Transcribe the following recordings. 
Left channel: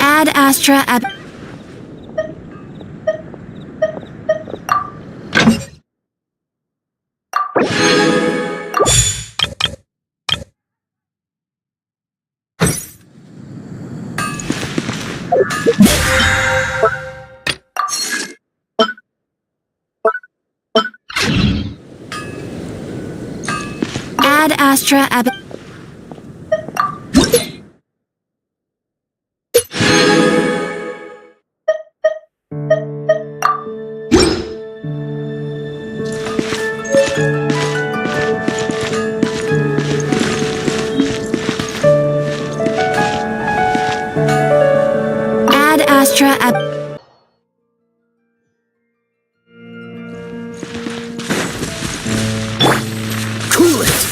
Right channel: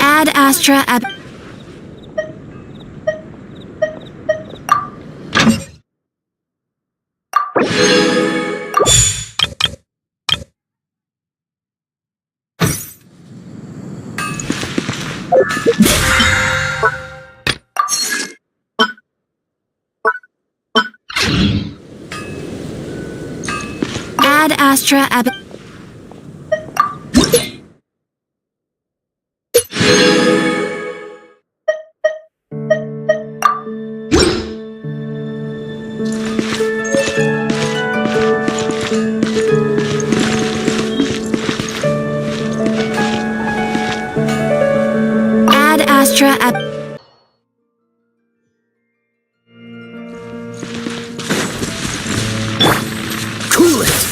Ad Astra Ab. Ad Astra Ab. Ad Astra Ab. Cool it!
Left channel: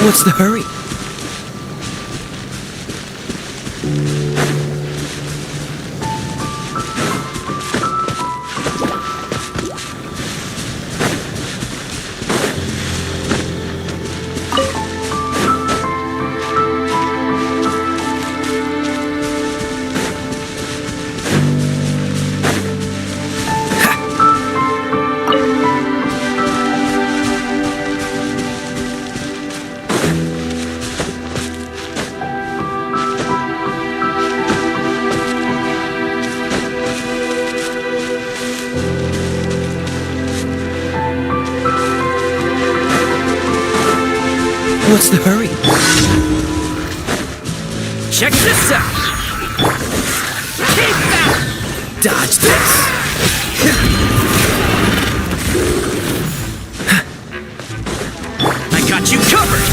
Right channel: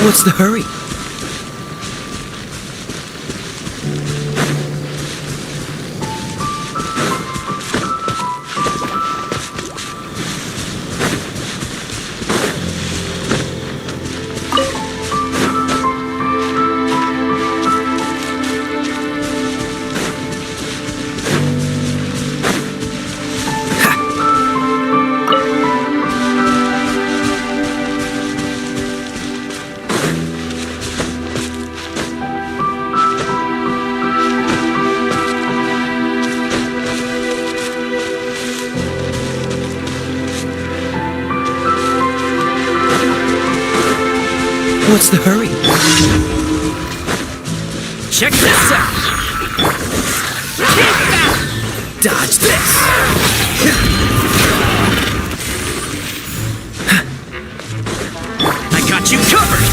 What's the hurry? What's the hurry? Check this out! Take that! Dodge this! I got you covered!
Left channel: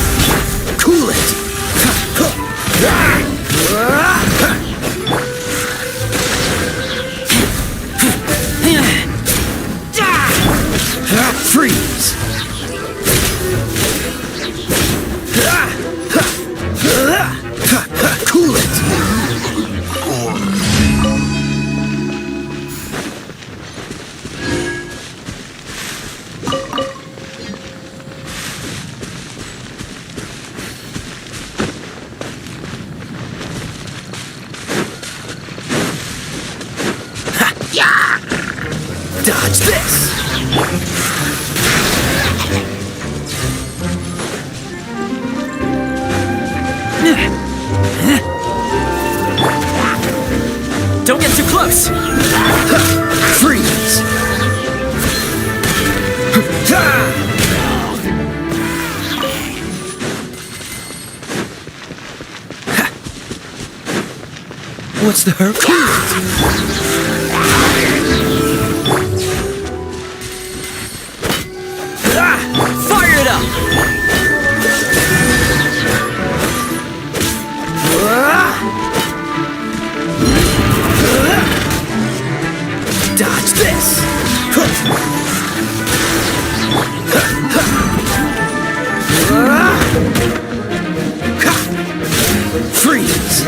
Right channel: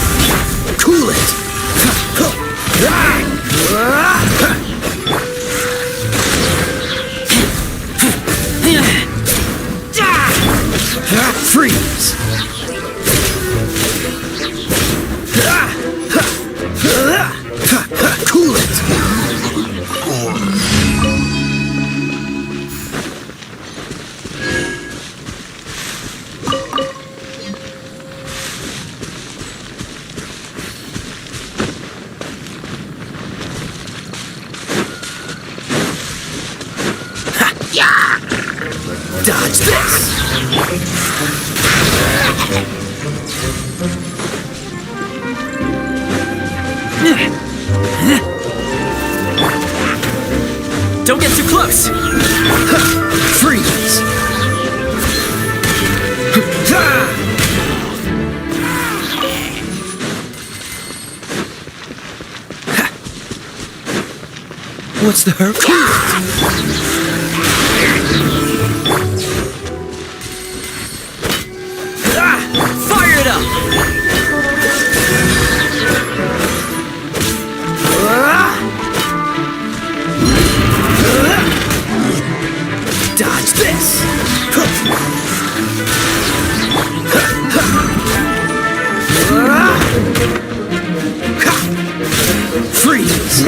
Cool it! Freeze! Cool it! Dodge this! Don't get too close! Freeze! What's the hurry? Fire it up! Dodge this! Freeze!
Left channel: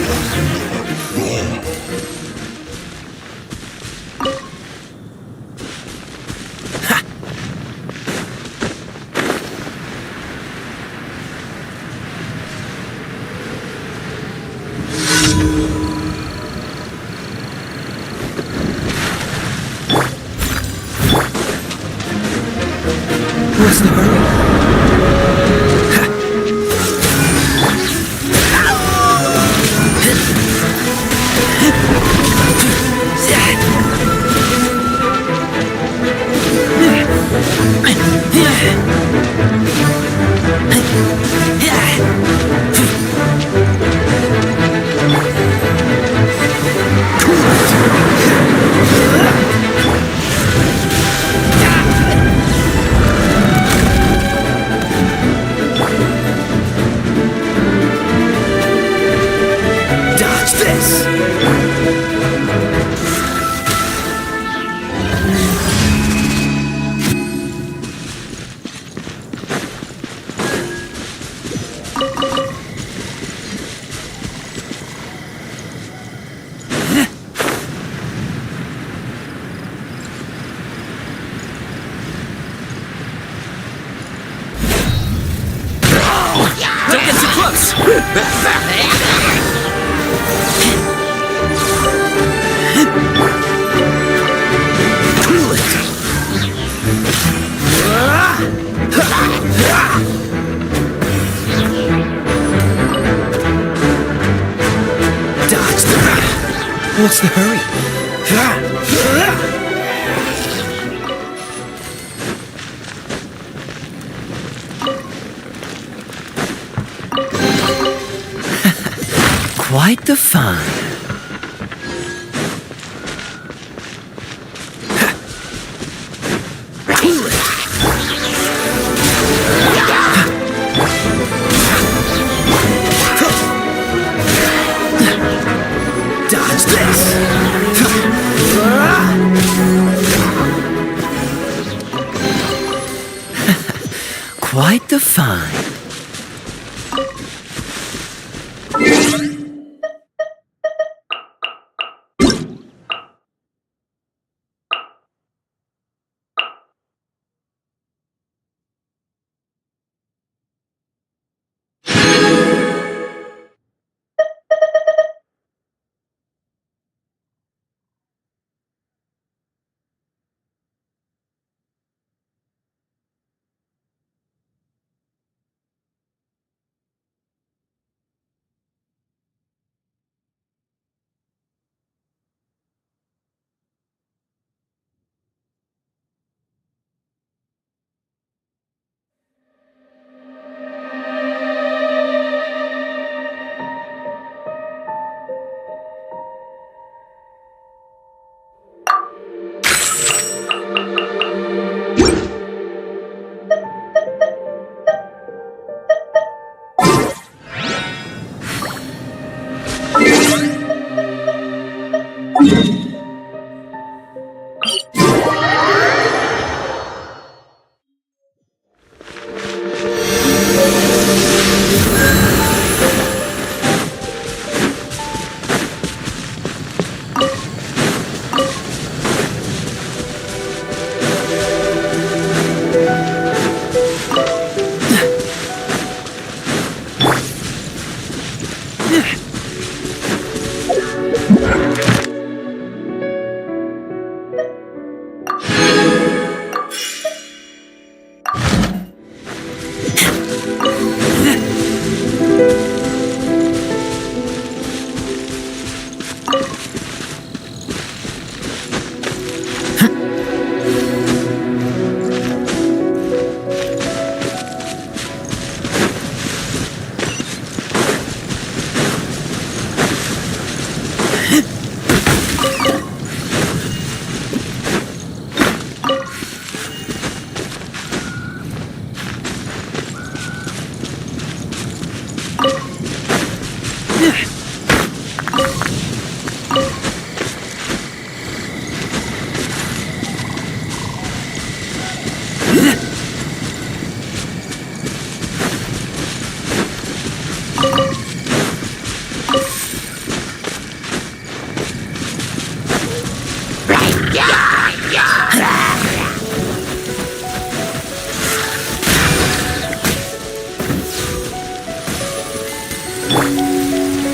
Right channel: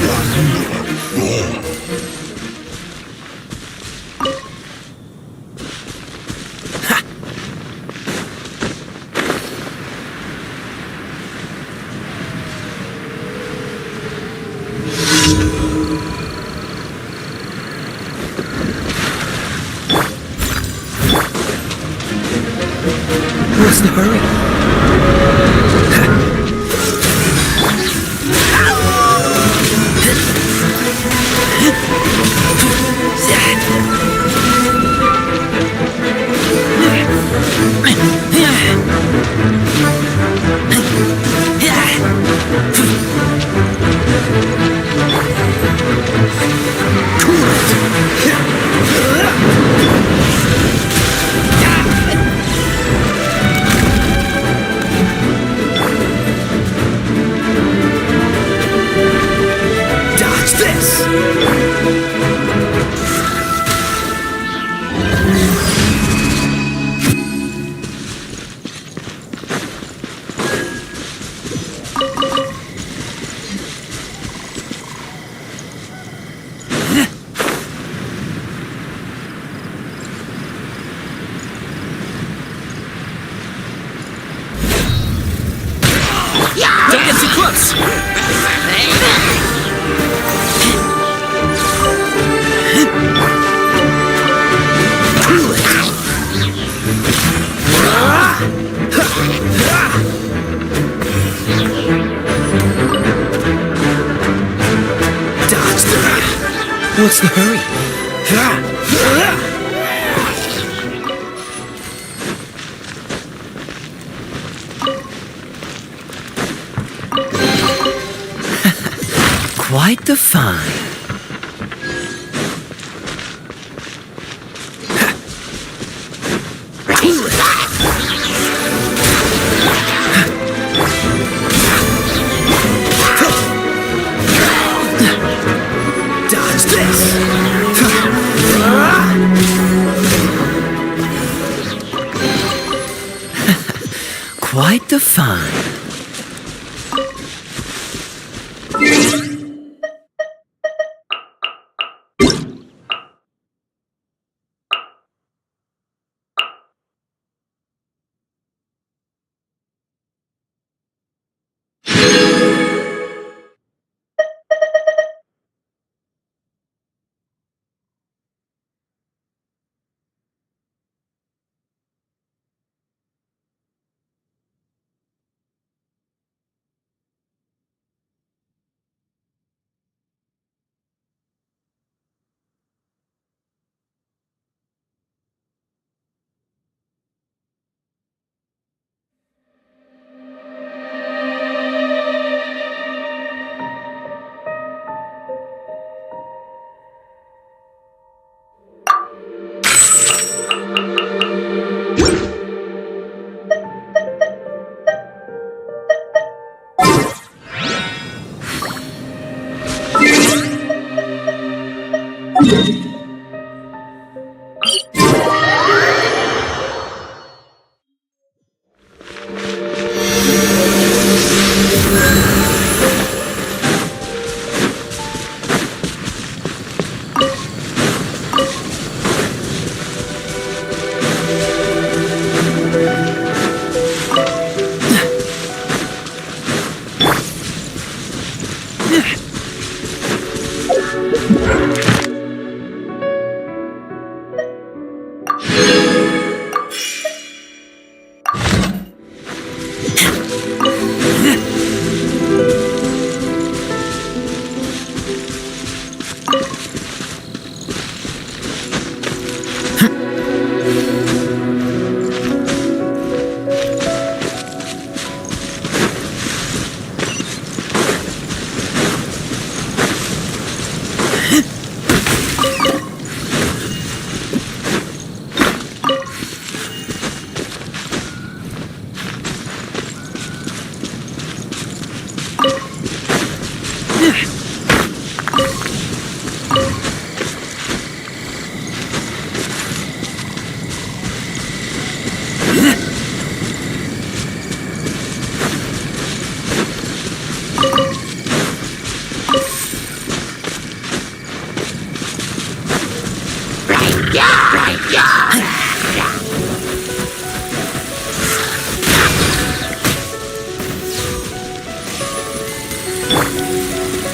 What's the hurry? this! Don't get too close! Cool it! Dodge that! What's the hurry? Quite the find. Dodge this! Quite the find.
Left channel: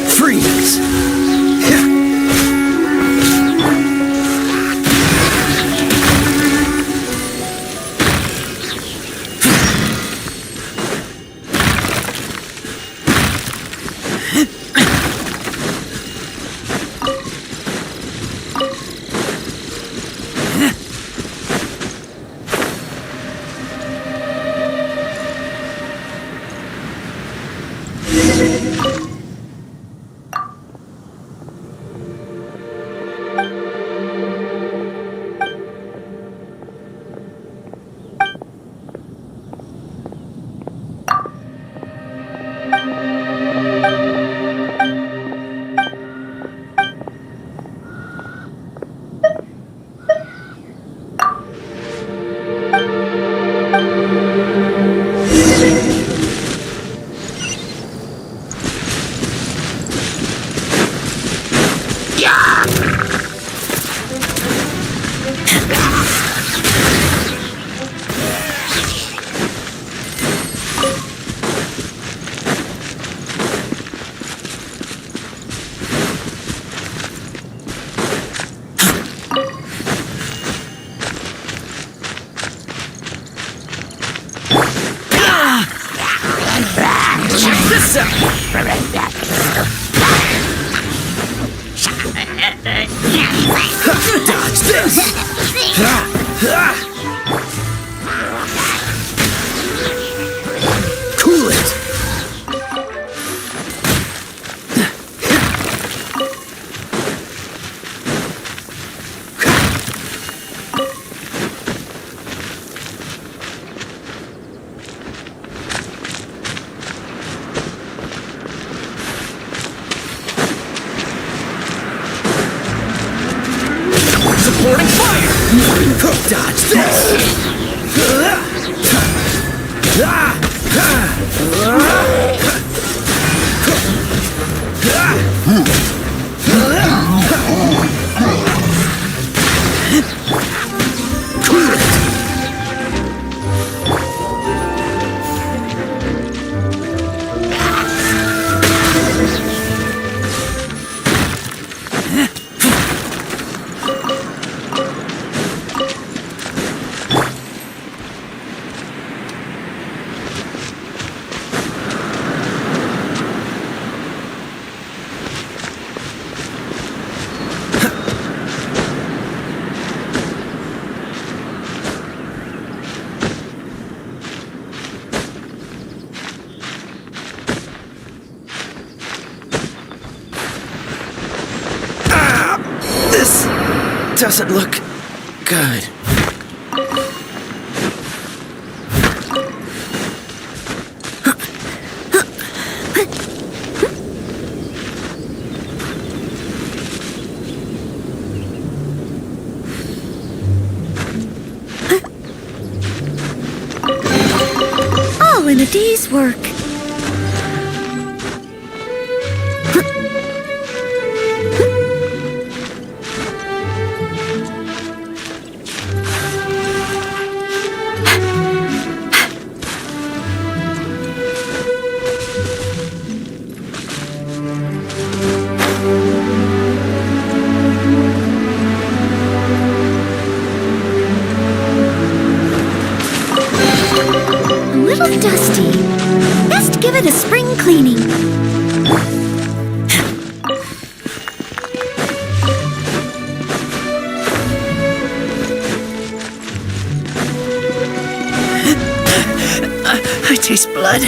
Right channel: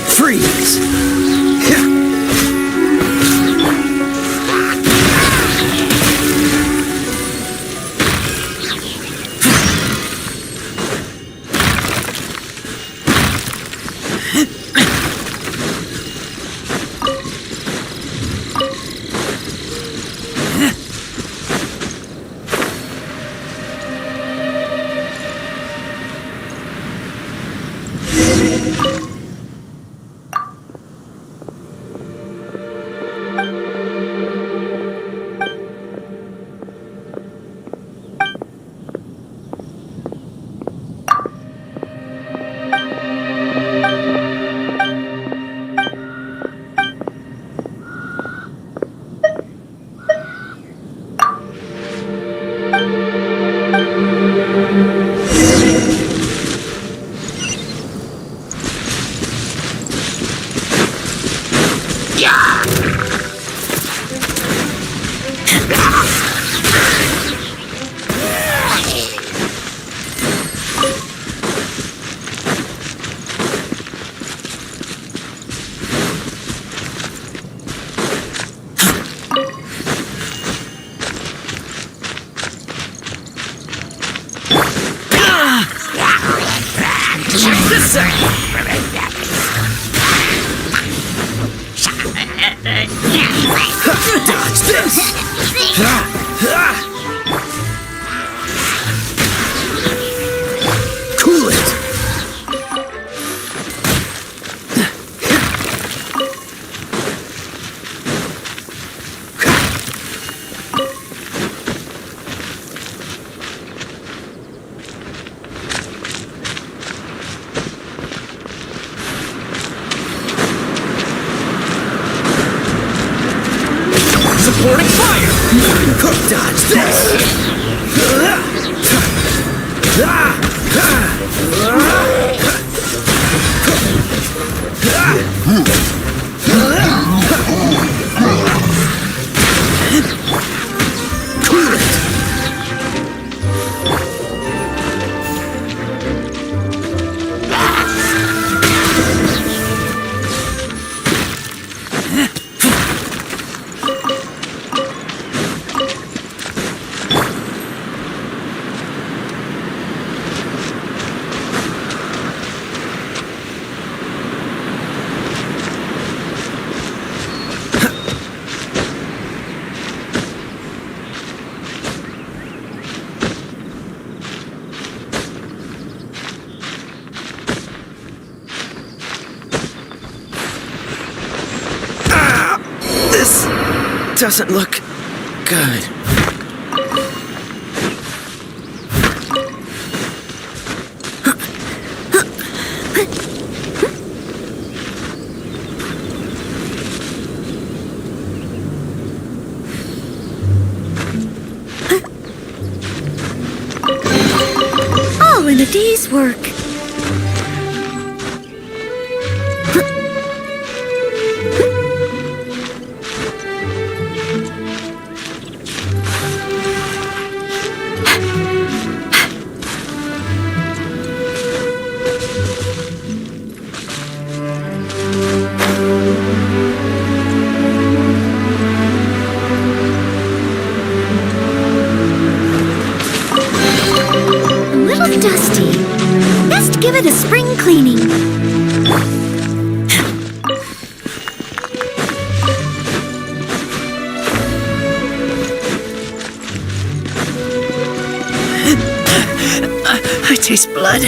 Freeze! Dodge this! Cool it! Supporting fire! Dodge this! Cool it! This doesn't look good. All in a day's work. A little dusty. Best give it a spring cleaning. I taste blood.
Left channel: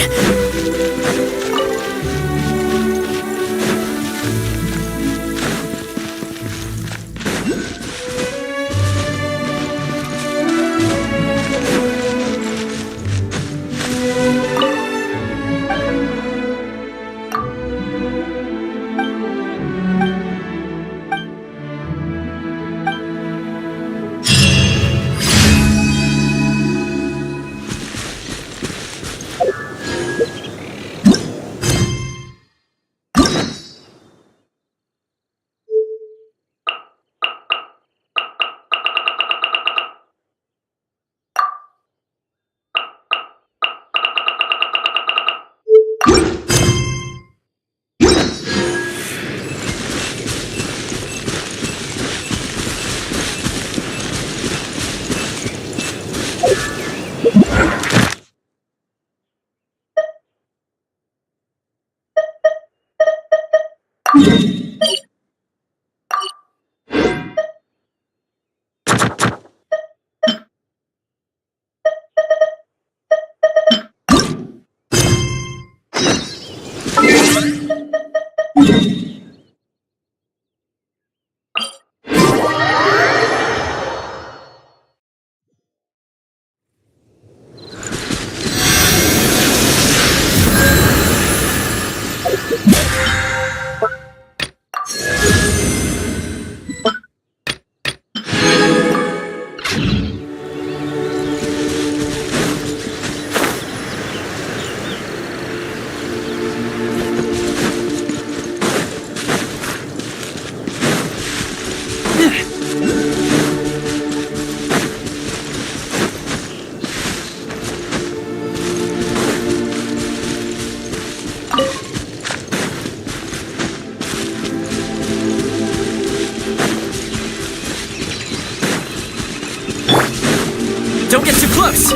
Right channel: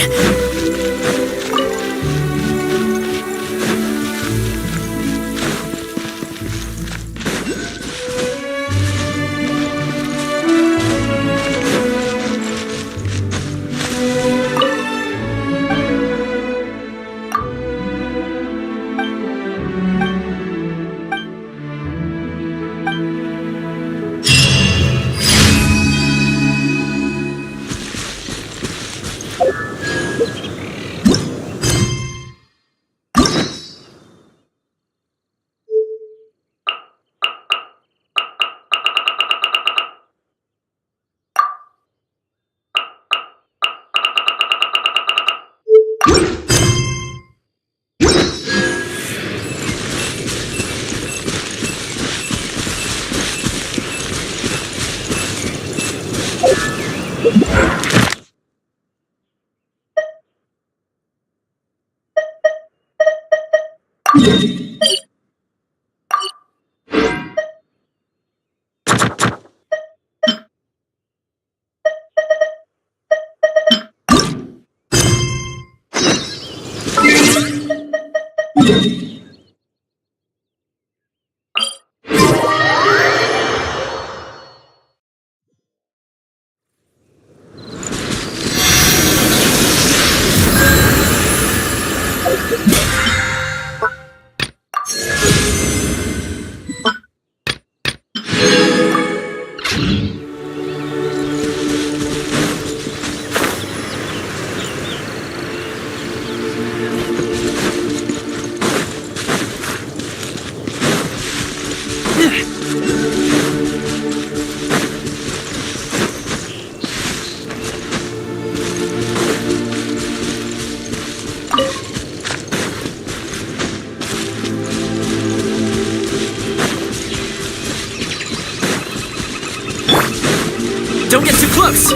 Don't get too close!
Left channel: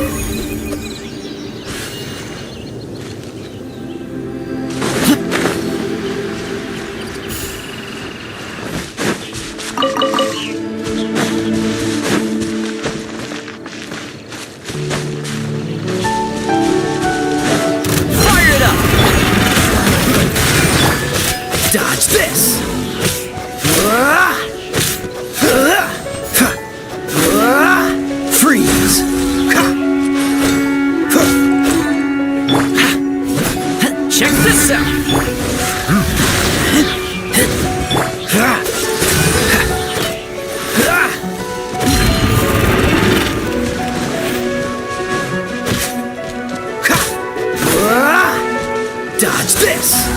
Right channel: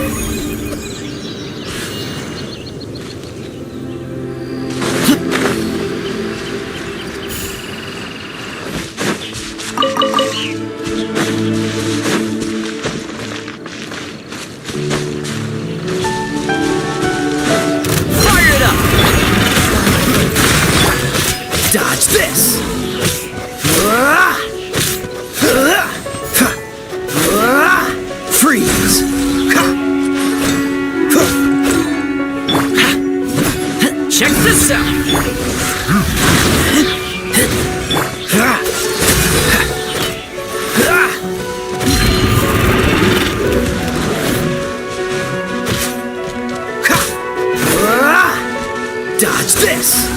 Check this out! Dodge this!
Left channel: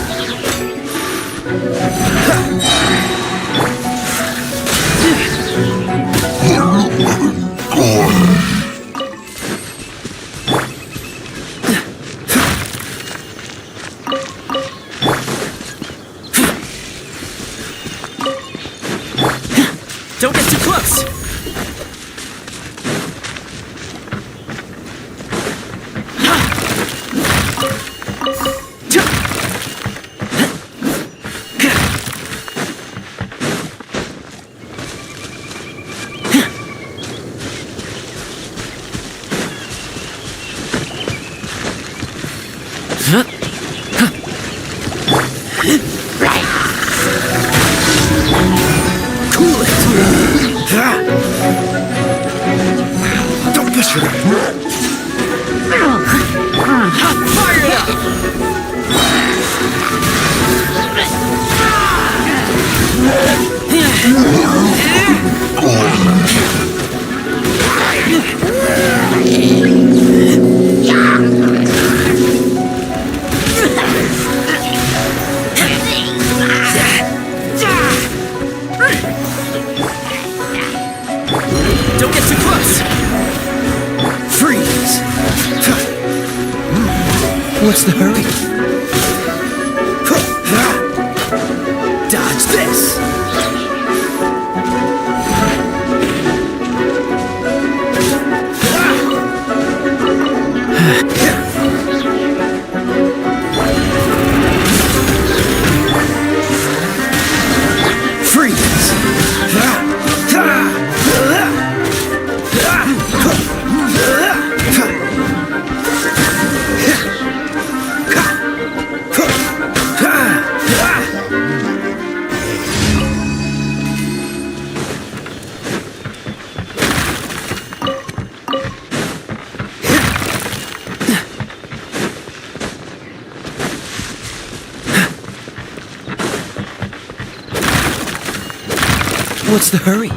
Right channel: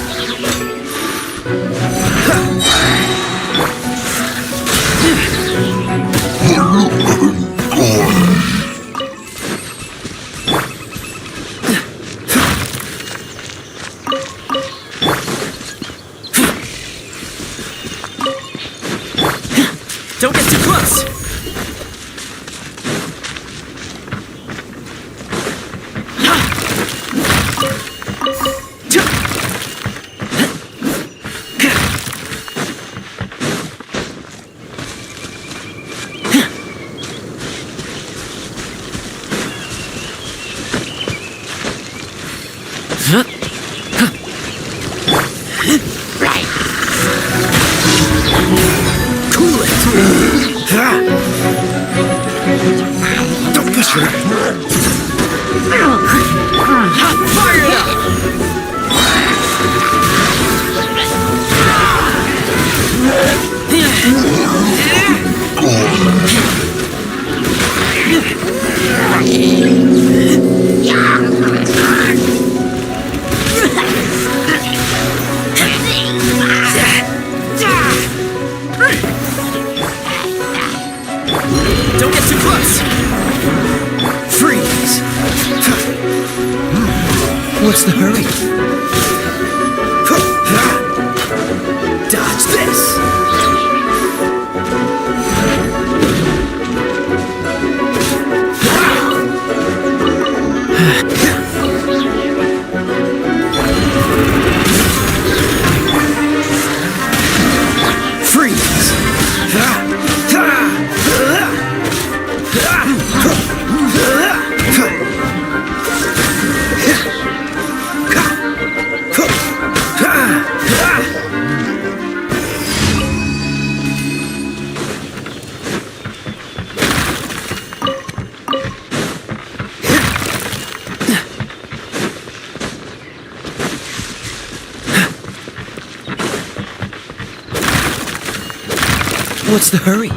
Don't get too close! Right. Cool it. Don't push it. Fire it up. Don't get too close! Freeze! What's the hurry? Dodge this! Freeze! What's the hurry?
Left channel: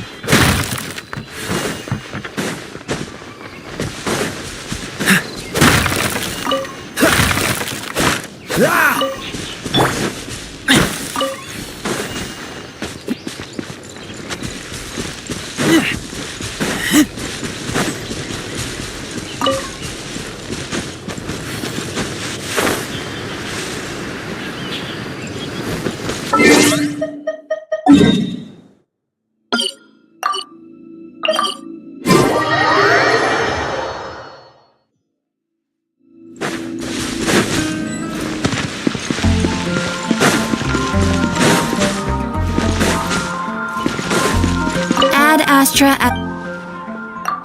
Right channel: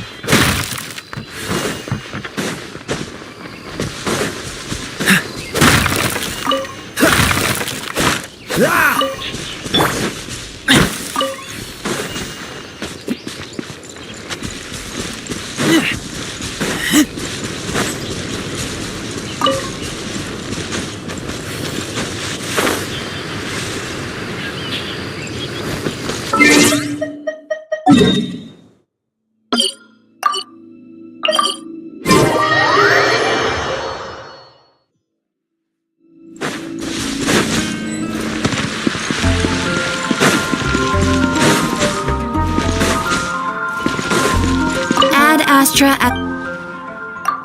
Ad Astra.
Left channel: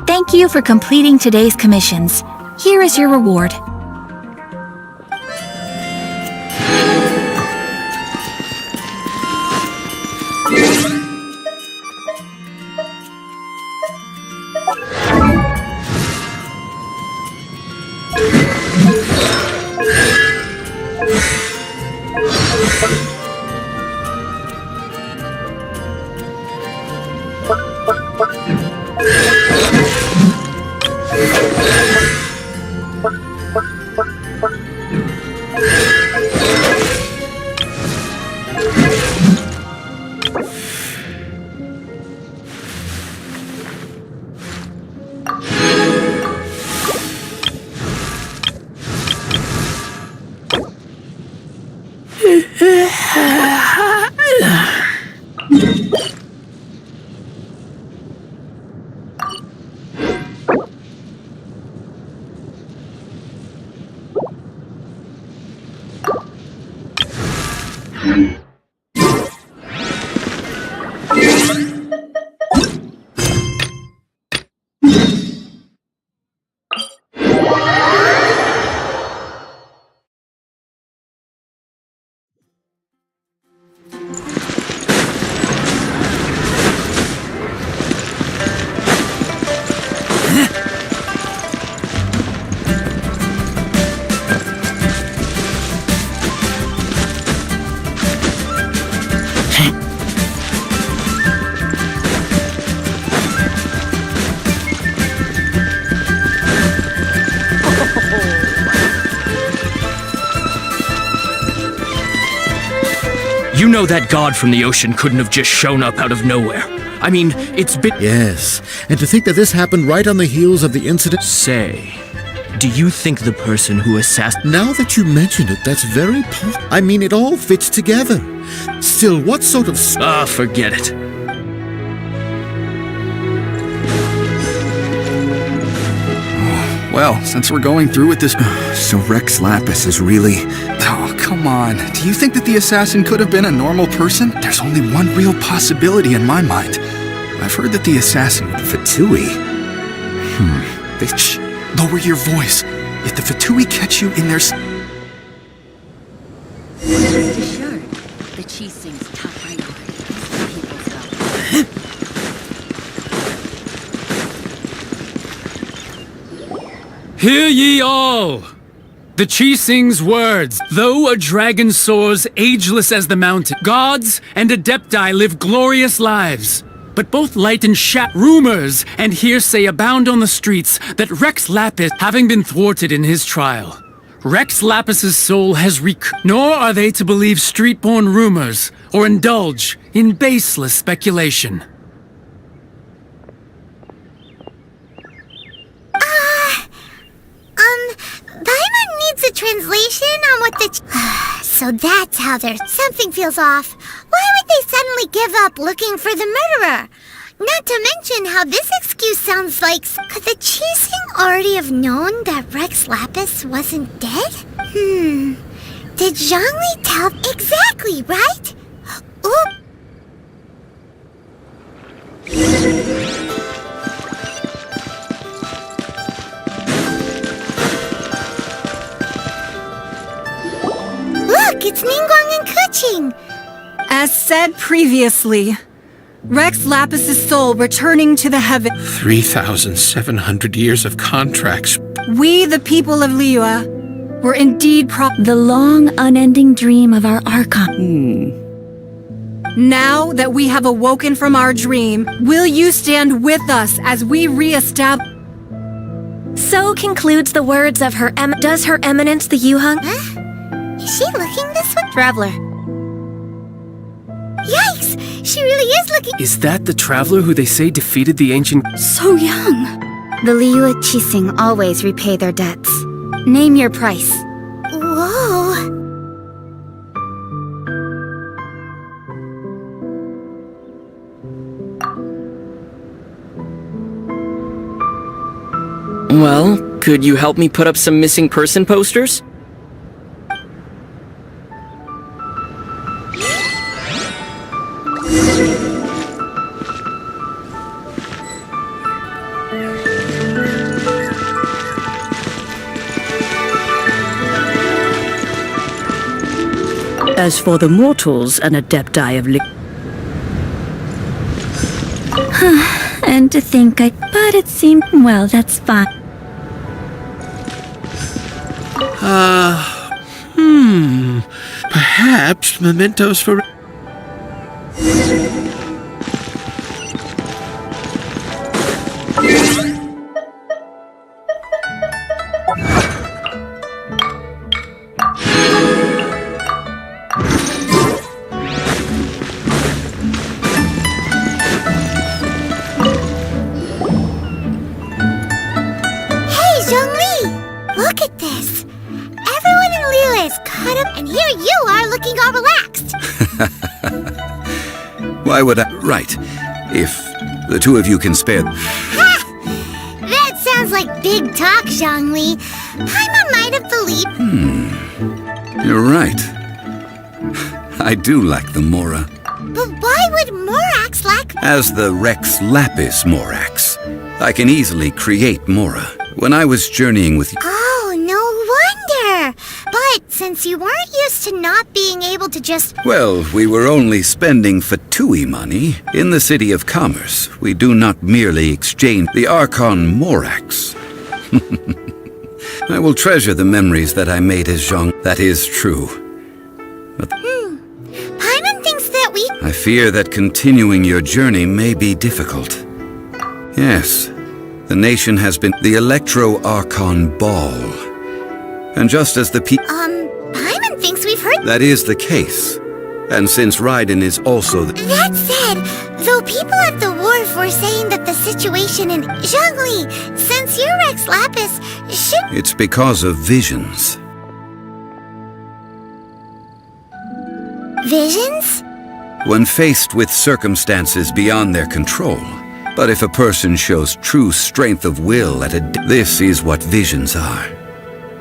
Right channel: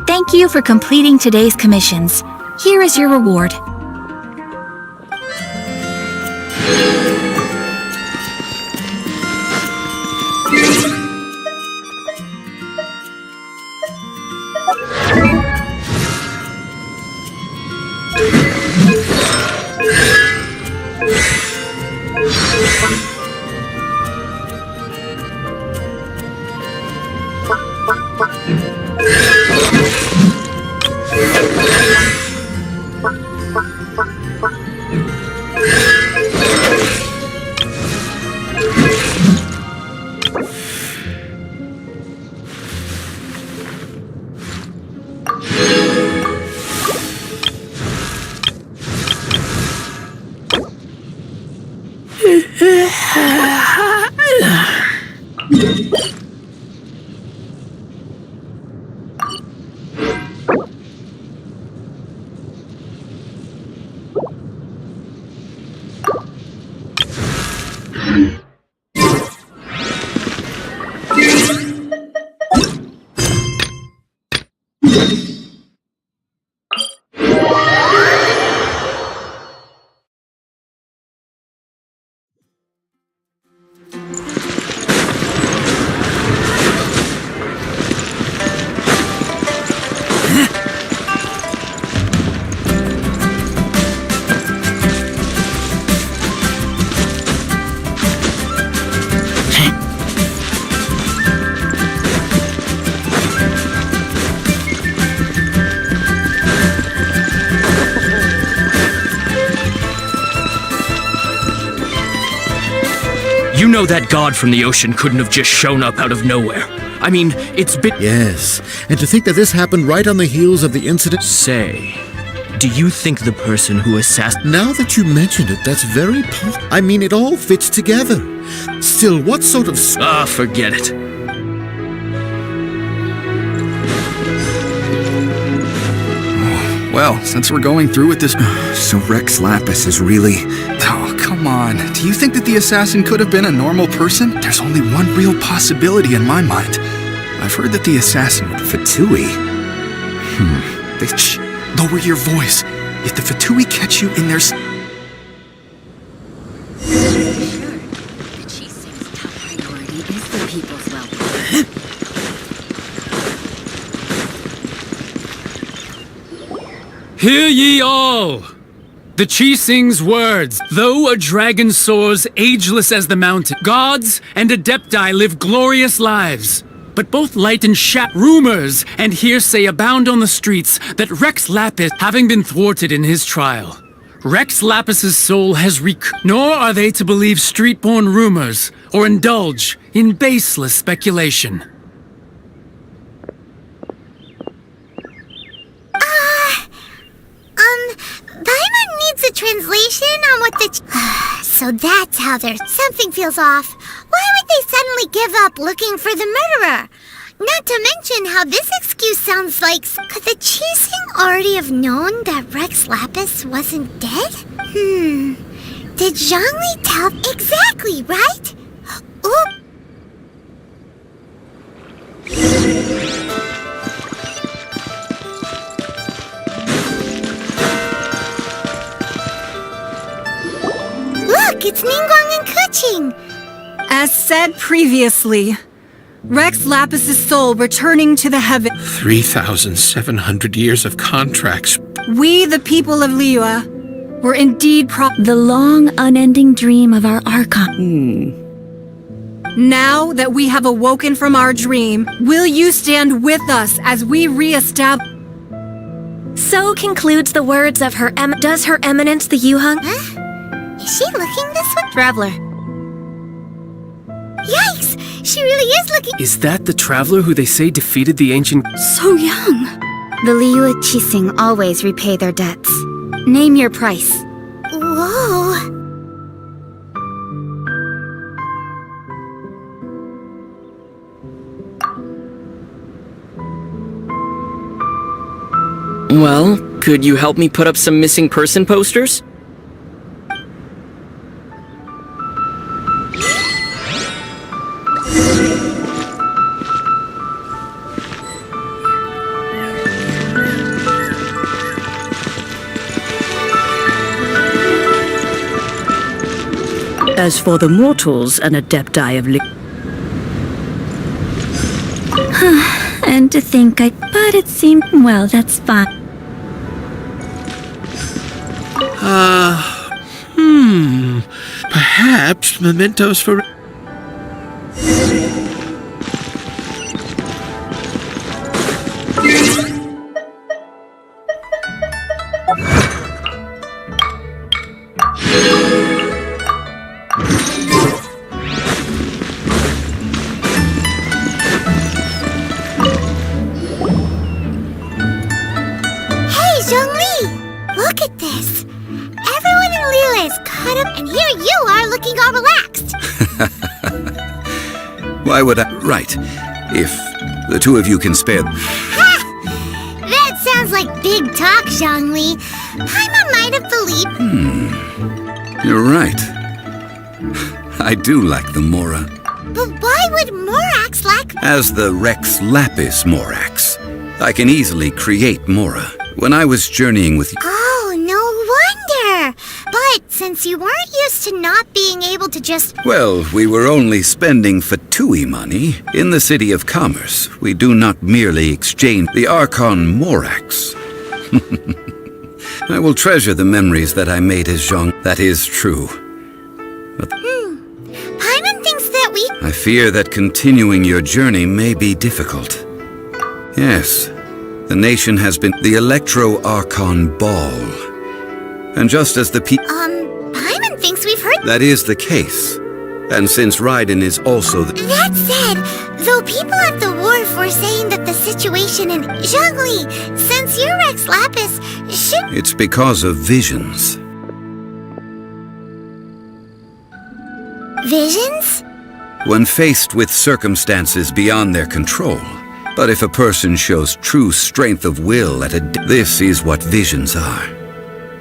Thank you for completing today's commissions. Here is your reward. You know that god from the ocean couldn't have just shown up out of nowhere. I mean, it's been... Yes, and to think that this happened right on the heels of the incident... Say, do you think the person who assassinated... Now that you mention it, that's very I mean, it all fits together. Still, what sort of... Ah, forget it. Well, since we're going through with this... So Rex Lapis is really... Oh, come on. Do you think that the assassin could have been a normal person? There's only one real possibility in my mind. I've heard that the assassin... Fatui? Shh! Lower your voice. If the Fatui catch you in their... The Cheese Sing's top priority is the people's health. Hear ye all! The Chi Sing's words. Though a dragon soars ageless as the mountain, gods and adepti live glorious lives. But both light and rumors and hearsay abound on the streets that Rex Lapis, having been thwarted in his trial, Rex Lapis's soul has nor are they to believe street-born rumors or indulge in baseless speculation. Paimon needs a translation on what the... So that's how there's... Something feels off. Why would they suddenly give up looking for the murderer? Not to mention how this excuse sounds like... Could the Chi Sing already have known that Rex Lapis wasn't dead? Did Zhongli tell... Exactly, right? Oop. Look, it's Ningguang and Keqing. As said previously, Rex Lapis's soul returning to the heaven. 3,700 years of contracts. We, the people of Liyue, were indeed The long, unending dream of our Archon. Now that we have awoken from our dream, will you stand with us as we re-establish... So concludes the words of her Does Her Eminence the Yuheng? Huh? Is she looking this way? Traveler. Yikes! She really is looking... Is that the traveler who they say defeated the ancient... So young. The Liyue Chi Sing always repay their debts. Name your price. Whoa. Well, could you help me put up some missing person posters? As for the mortals and adepti of And to think But it seemed... Well, that's fine. Perhaps mementos for... Look at this! Everyone in Liyue is caught up, and here you are looking all relaxed! Why would I... Right. If the two of you can spare... Ha! That sounds like big talk, Zhongli. Paimon might have believed... You're right. I do lack the Mora. But why would Morax lack... As the Rex Lapis Morax, I can easily create Mora. When I was journeying with you... Oh, no wonder! But since you weren't used to not being able to just... Well, we were only spending Fatui money. In the City of Commerce, we do not merely exchange the Archon Morax. I will treasure the memories that I made as Zhong. That is true. But Paimon thinks that we... I fear that continuing your journey may be difficult. Yes. The nation has been the Electro-Archon Ball. And just as the Paimon thinks we've heard... That is the case. And since Raiden is also the... That said, though people at the wharf were saying that the situation in Zhongli, since you're Rex Lapis, should... It's because of visions. Visions? When faced with circumstances beyond their control. But if a person shows true strength of will this is what visions are.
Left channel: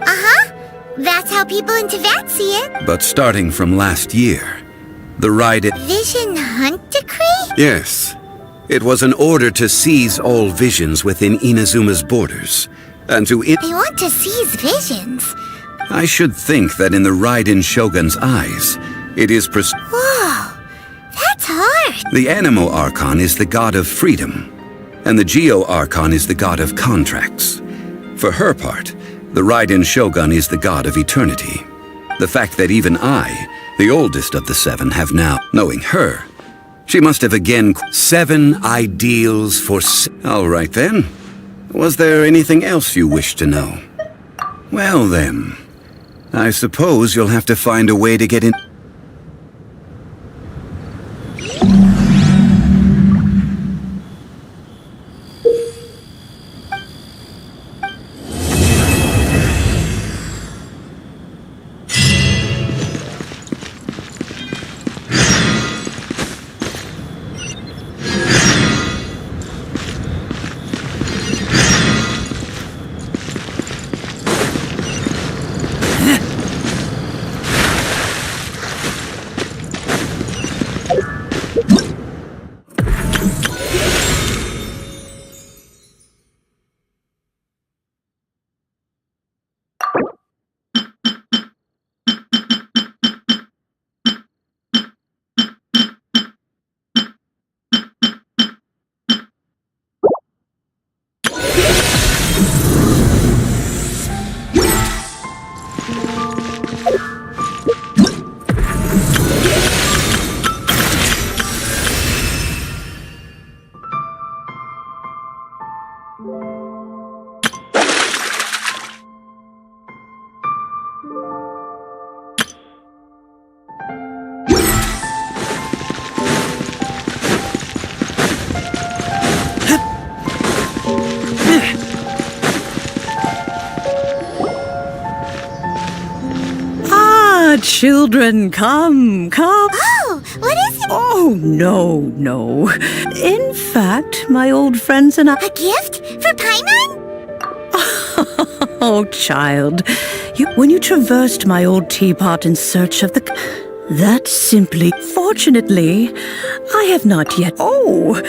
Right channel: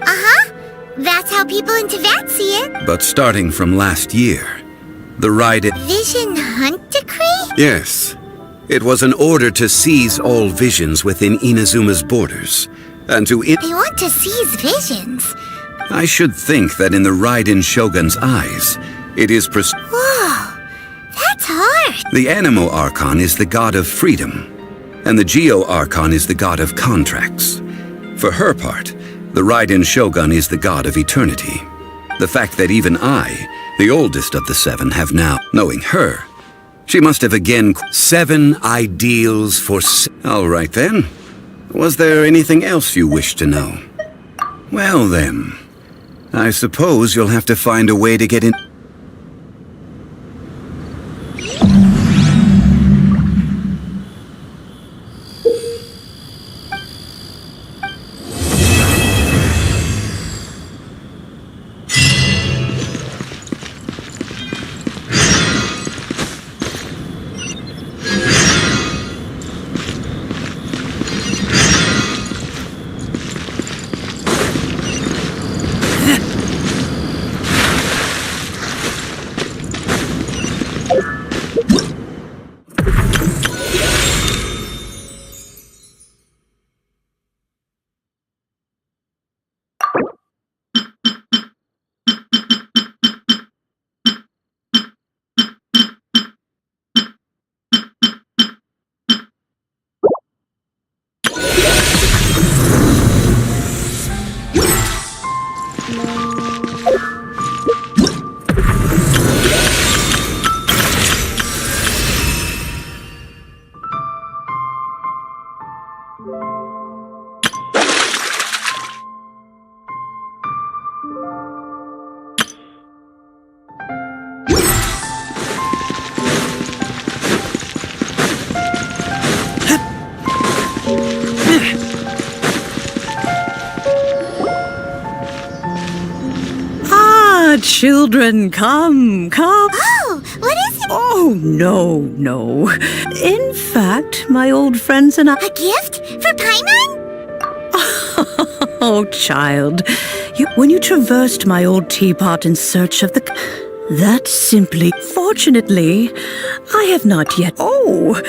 Uh-huh. That's how people in Teyvat see it. But starting from last year, the Raiden... Vision Hunt Decree? Yes. It was an order to seize all visions within Inazuma's borders, and to... They want to seize visions. I should think that in the Raiden Shogun's eyes, it is Whoa, that's hard. The Anemo Archon is the god of freedom, and the Geo Archon is the god of contracts. For her part, the Raiden Shogun is the god of eternity. The fact that even I, the oldest of the seven, have now, knowing her, she must have again 7 ideals for... All right then. Was there anything else you wish to know? Well then, I suppose you'll have to find a way to get in... Children, come. Oh, what is it? Oh, no. In fact, my old friends and I... A gift? For Paimon? Oh, child. When you traversed my old teapot in search of the... That simply... Fortunately, I have not yet... Oh,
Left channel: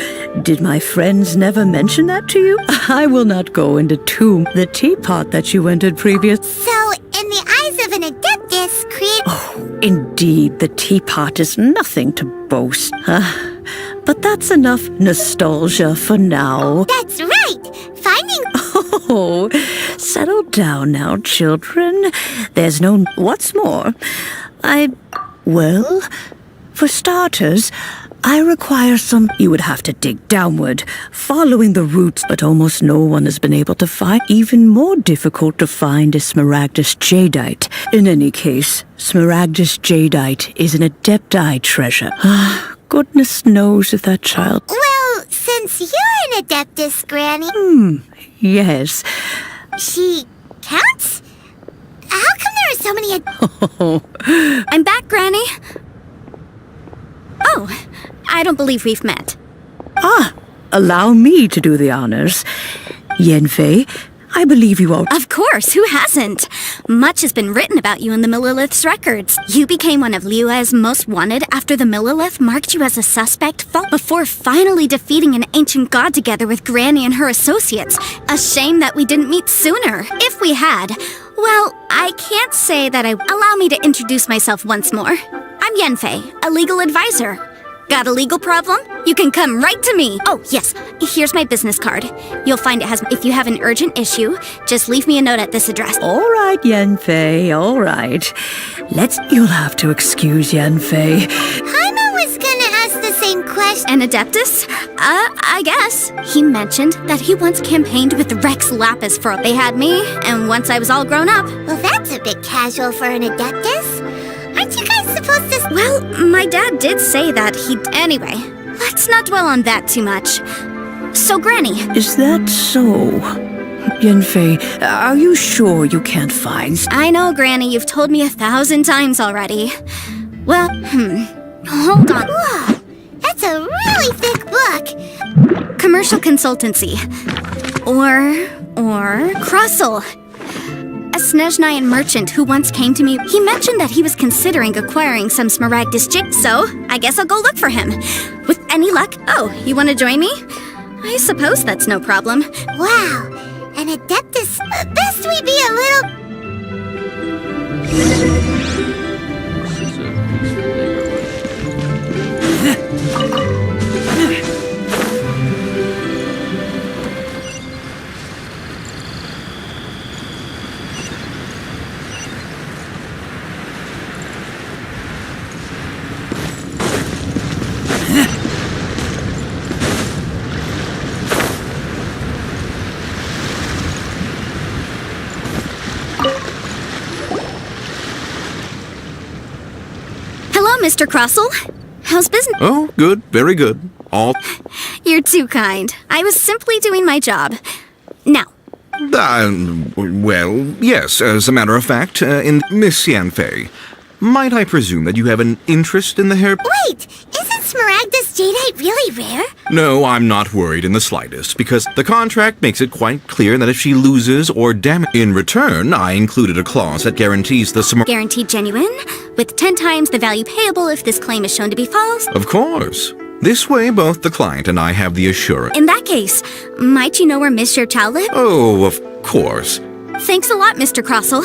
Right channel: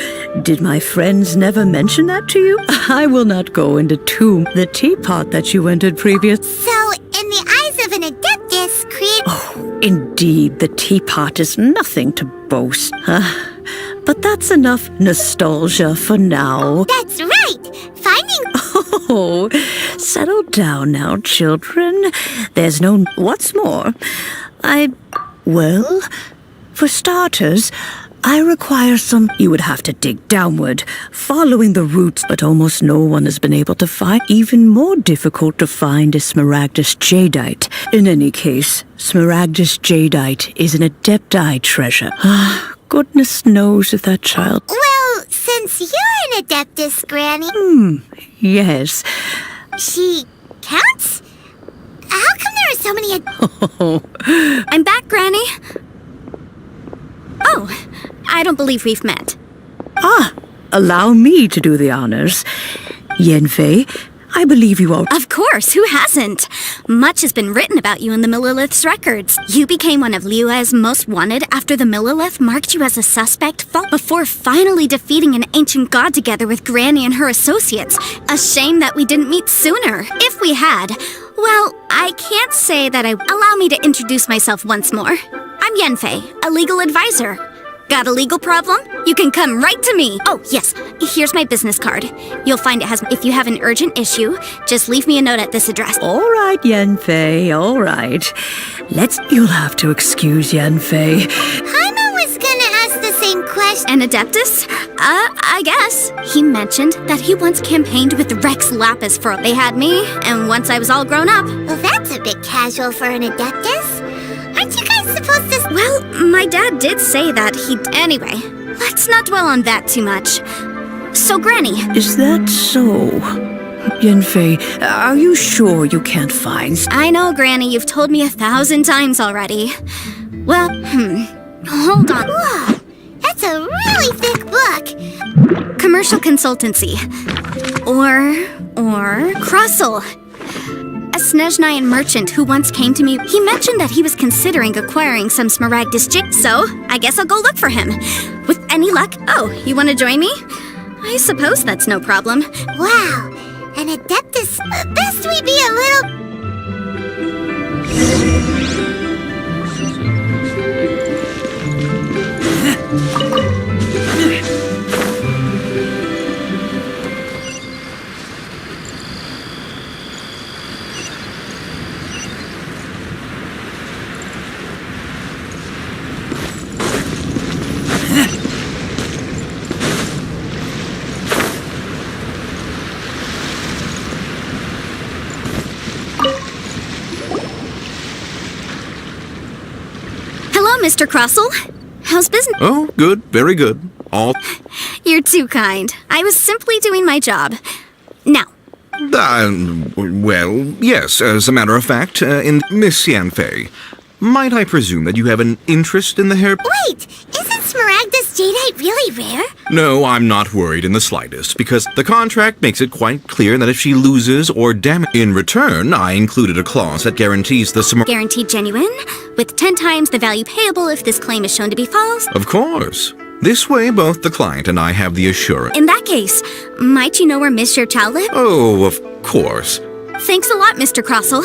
did my friends never mention that to you? I will not go into the teapot that you entered previous... So, in the eyes of an Adeptus, create... Oh, indeed, the teapot is nothing to boast. But that's enough nostalgia for now. That's right! Finding... Oh, settle down now, children. There's no... What's more, Well, for starters, I require some... You would have to dig downward, following the roots, but almost no one has been able to find. Even more difficult to find is Smaragdus Jadeite. In any case, Smaragdus Jadeite is an Adepti treasure. Goodness knows if that child... Well, since you're an Adeptus, Granny... Yes. She counts? How come there are so many... Oh, I'm back, Granny. Oh, I don't believe we've met. allow me to do the honors. Yenfei, I believe you are... Of course, who hasn't? Much has been written about you in the Millilith's records. You became one of Liyue's most wanted after the Millilith marked you as a suspect before finally defeating an ancient god together with Granny and her associates. A shame that we didn't meet sooner. If we had, well, I can't say that I... Allow me to introduce myself once more. I'm Yenfei, a legal advisor. Got a legal problem? You can come right to me. Oh, yes. Here's my business card. You'll find it has... If you have an urgent issue, just leave me a note at this address. All right, Yenfei, all right. You'll have to excuse Yenfei. Paimon was gonna ask the same question. An Adeptus? I guess. He mentioned that he once campaigned with Rex Lapis for... They had me, and once I was all grown up. Well, that's a bit casual for an Adeptus. Aren't you guys supposed to... Well, my dad did say that he'd... Anyway, let's not dwell on that too much. So, Granny... Is that so? Yanfei, are you sure you can't find... I know, Granny, you've told me 1,000 times already. Well, hold on. Whoa, that's a really thick book. Commercial consultancy. Or Crossel. A Snezhnayan merchant who once came to me, he mentioned that he was considering acquiring some Smaragdus gem, so I guess I'll go look for him. With any luck... Oh, you want to join me? I suppose that's no problem. Wow, an Adeptus... Best we be a little... Hello, Mr. Crossel. How's business? Oh, good, very good. All. You're too kind. I was simply doing my job. Now, Well, yes, as a matter of fact, in Miss Yanfei, might I presume that you have an interest in the hair... Wait, isn't Smaragdus jadeite really rare? No, I'm not worried in the slightest, because the contract makes it quite clear that if she loses or damages... In return, I included a clause that guarantees the guaranteed genuine, with 10 times the value payable if this claim is shown to be false. Of course. This way, both the client and I have the assurance. In that case, might you know where Miss Xiaochao lives? Oh, of course. Thanks a lot, Mr. Crossel.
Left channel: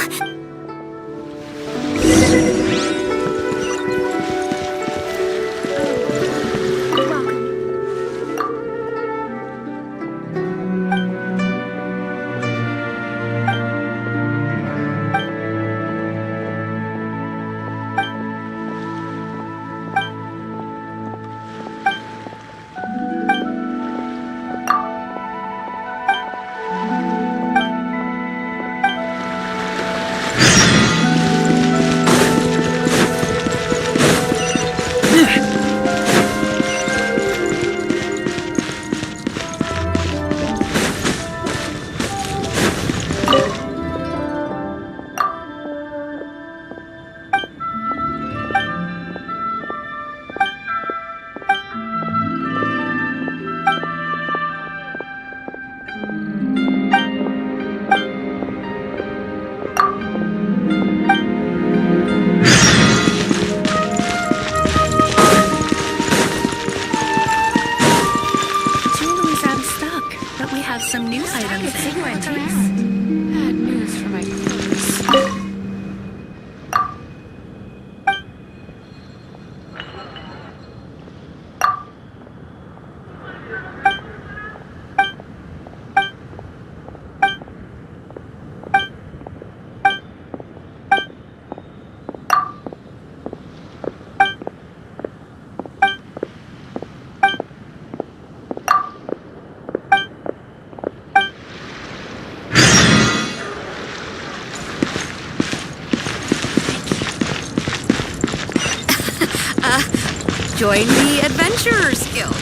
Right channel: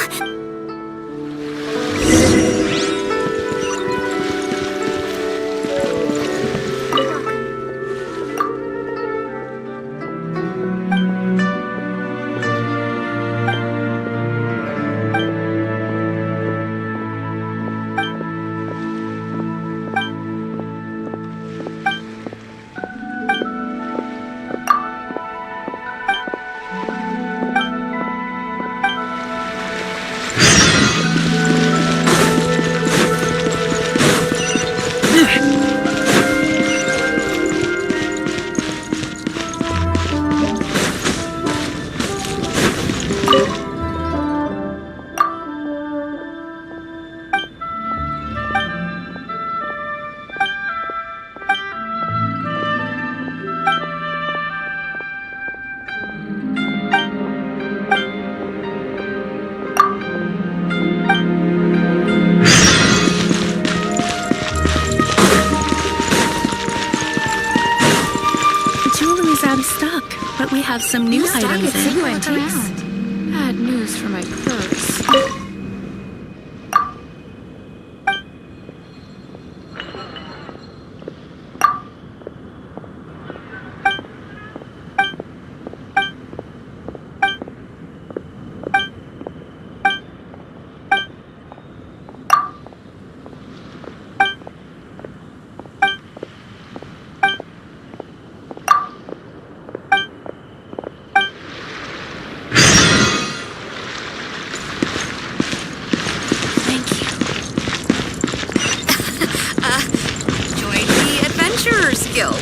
Join the Adventurers Guild.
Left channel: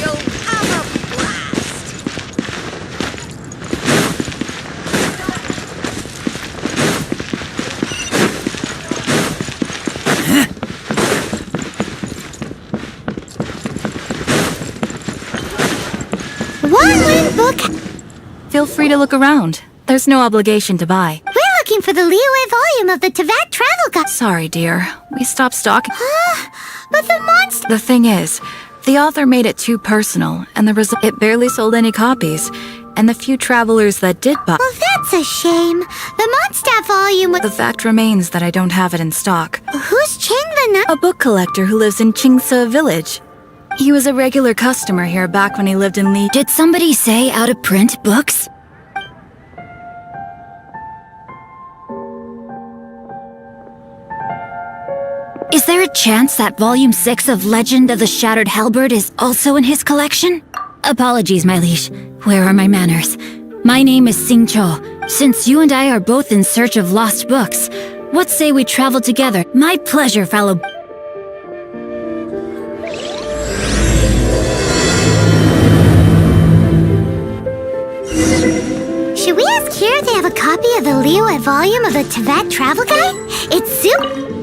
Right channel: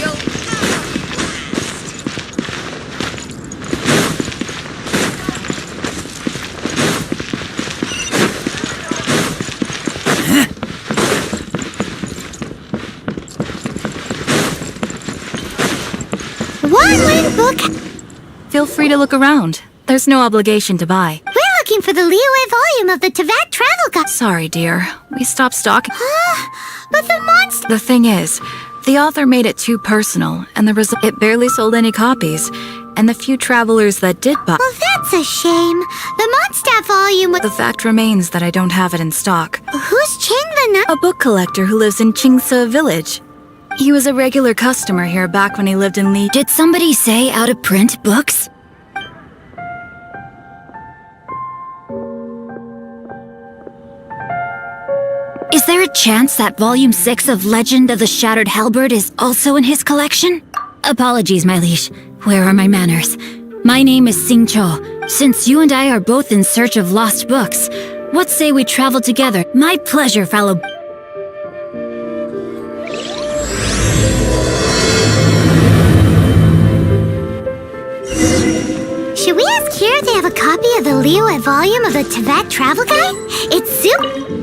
You'll One-win book. Feel free to look around. There's no obligation to buy. We're looking for the Liyue volume of the Teyvat Travel Guide. Sorry, dear. We stopped stocking. But the monster... The thing is, the author made it too personal, and the result, it barely sold any copies. And the few travelers that did buy... Well, that's a shame. The Mondstadt volume... The fact remains that I don't have it in stock. Who's Qingwen? A book collector who lives in Qingce Village. He was a regular customer here back when he lived in Li... Did somebody say out-of-print books? Is there a chance that Volume 6 of Legend of the Shattered Halberd is also in his collection? Apologies, my liege. Where are my manners? My name is Xingqiu. Since you and I are both in search of lost books, what say we travel together? My pleasure, fellow... Should we ask here if they have a copy of the Liyue volume of the Teyvat Travel Guide? It's super...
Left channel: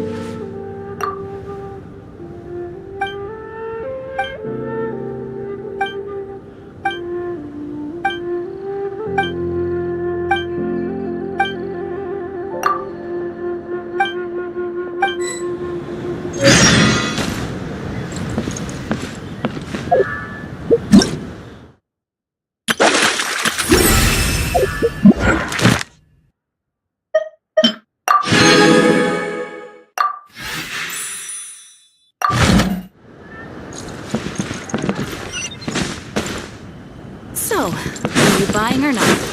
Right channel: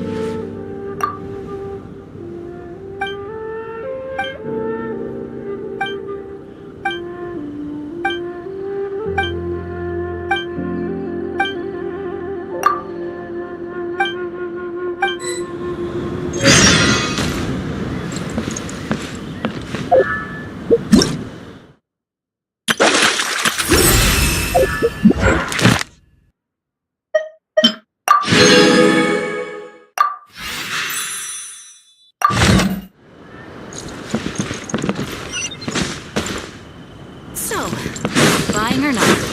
So, are you buying or not?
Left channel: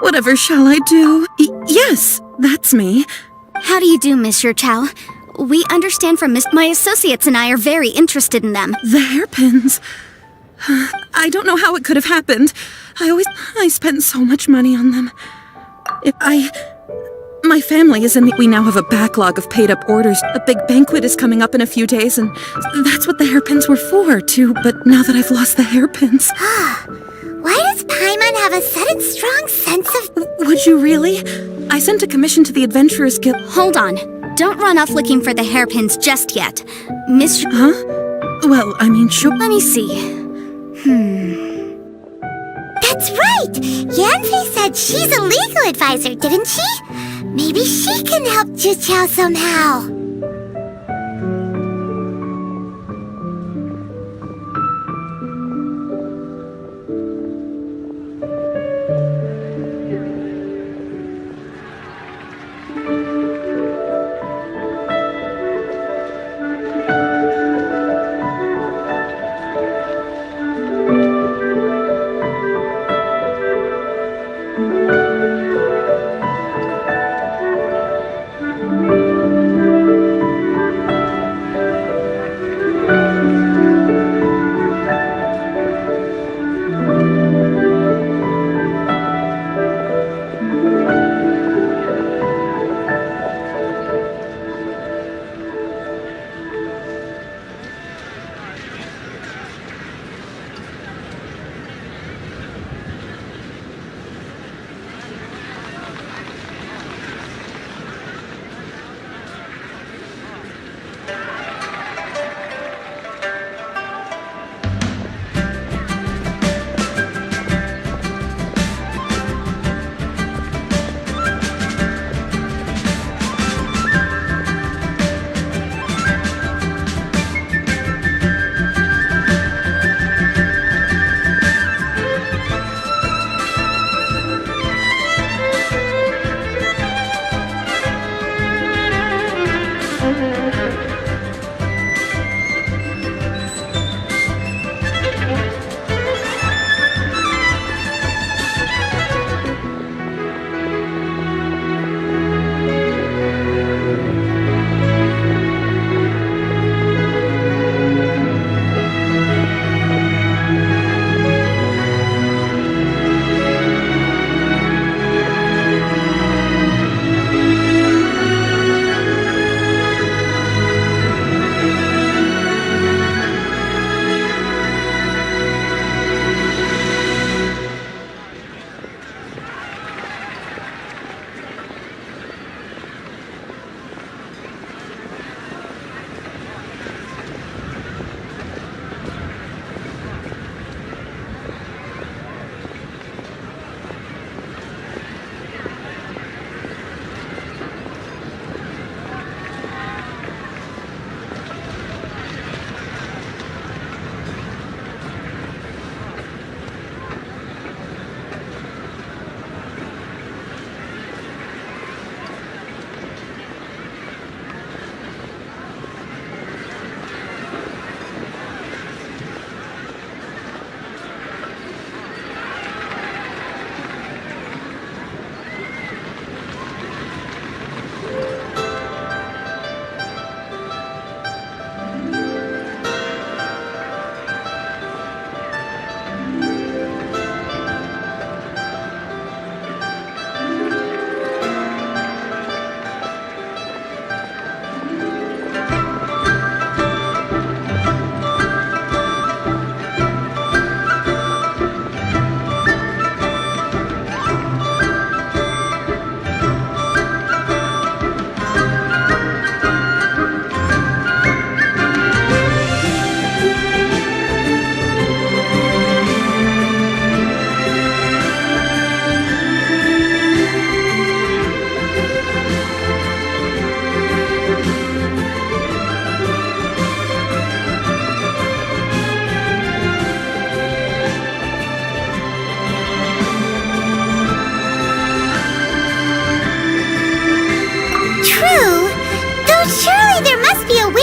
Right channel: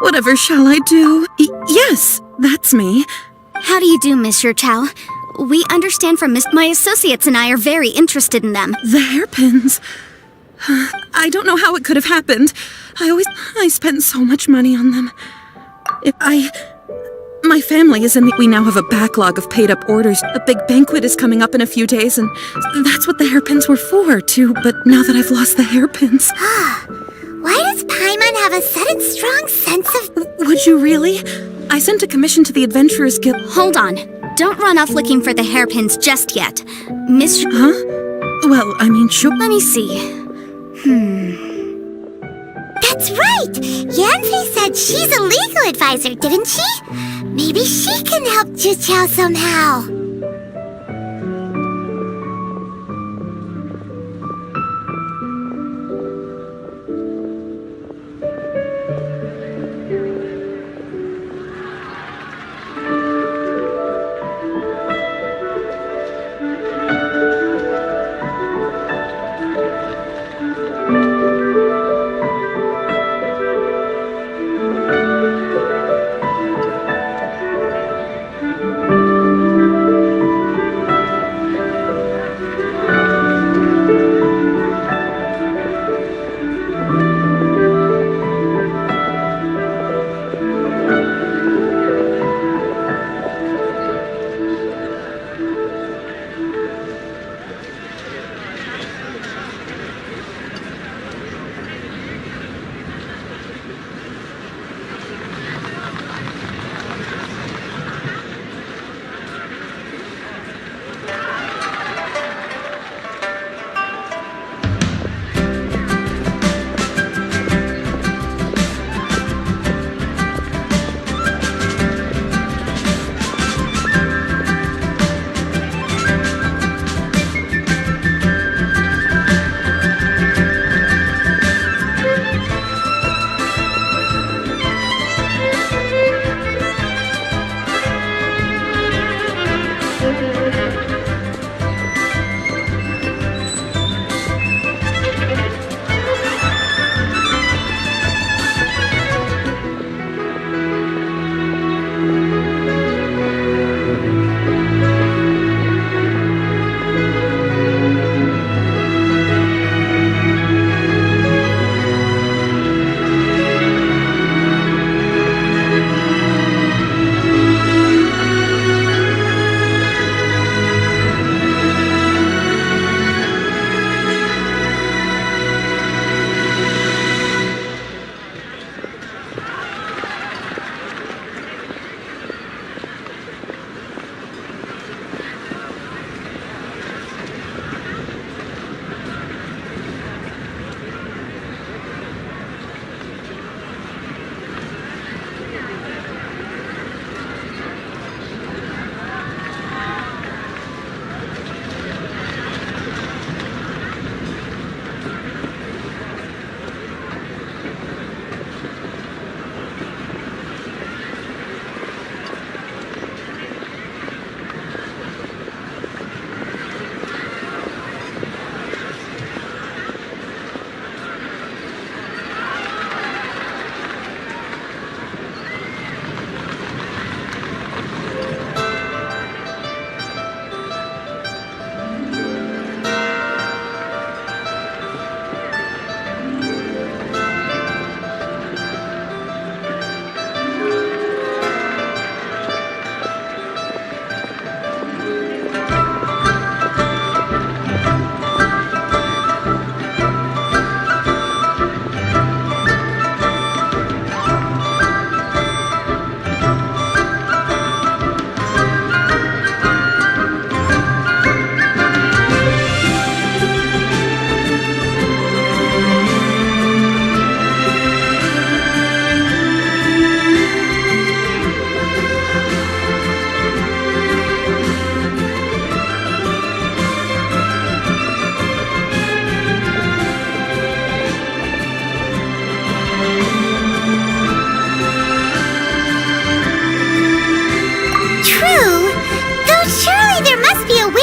Whatever shall I do? Yes, that's me. How do you do, Monsieur Chow? We understand from my associates and I are very interested in them. The hairpins. I don't know how it could have happened. I spent so much money on them. My family is we now have a backlog of paid up orders. A big banquet is coming up in a few days, and that's what the hairpins were for, too. But now that I've lost the hairpins... Why does Paimon have a sudden strong sense of... Would you really? I sent a commission to the Adventurers Guild... Hold on. Don't run off looking for the hairpins just yet. Miss... Huh? Well, I mean, sure... Let me see. That's right! Yanfei said she's a legal advisor, didn't she? Maybe she can help Chu Chao somehow.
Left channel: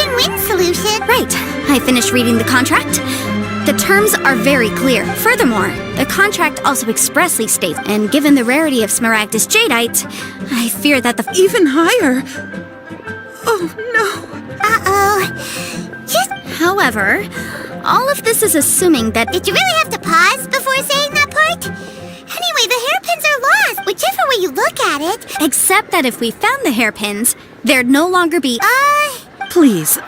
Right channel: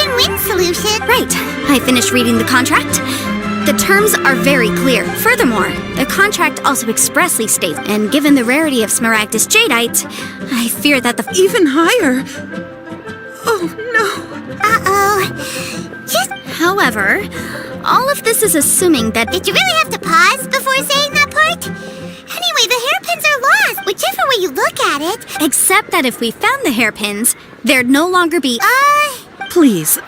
win-win solution. Right. I finished reading the contract. The terms are very clear. Furthermore, the contract also expressly states, and given the rarity of Smaragdus jadeite, I fear that the... Even higher? Oh, no. Uh-oh. However, all of this is assuming that... Did you really have to pause before saying that part? Anyway, the hairpins are lost, whichever way you look at it. Except that if we found the hairpins, there'd no longer be... Please.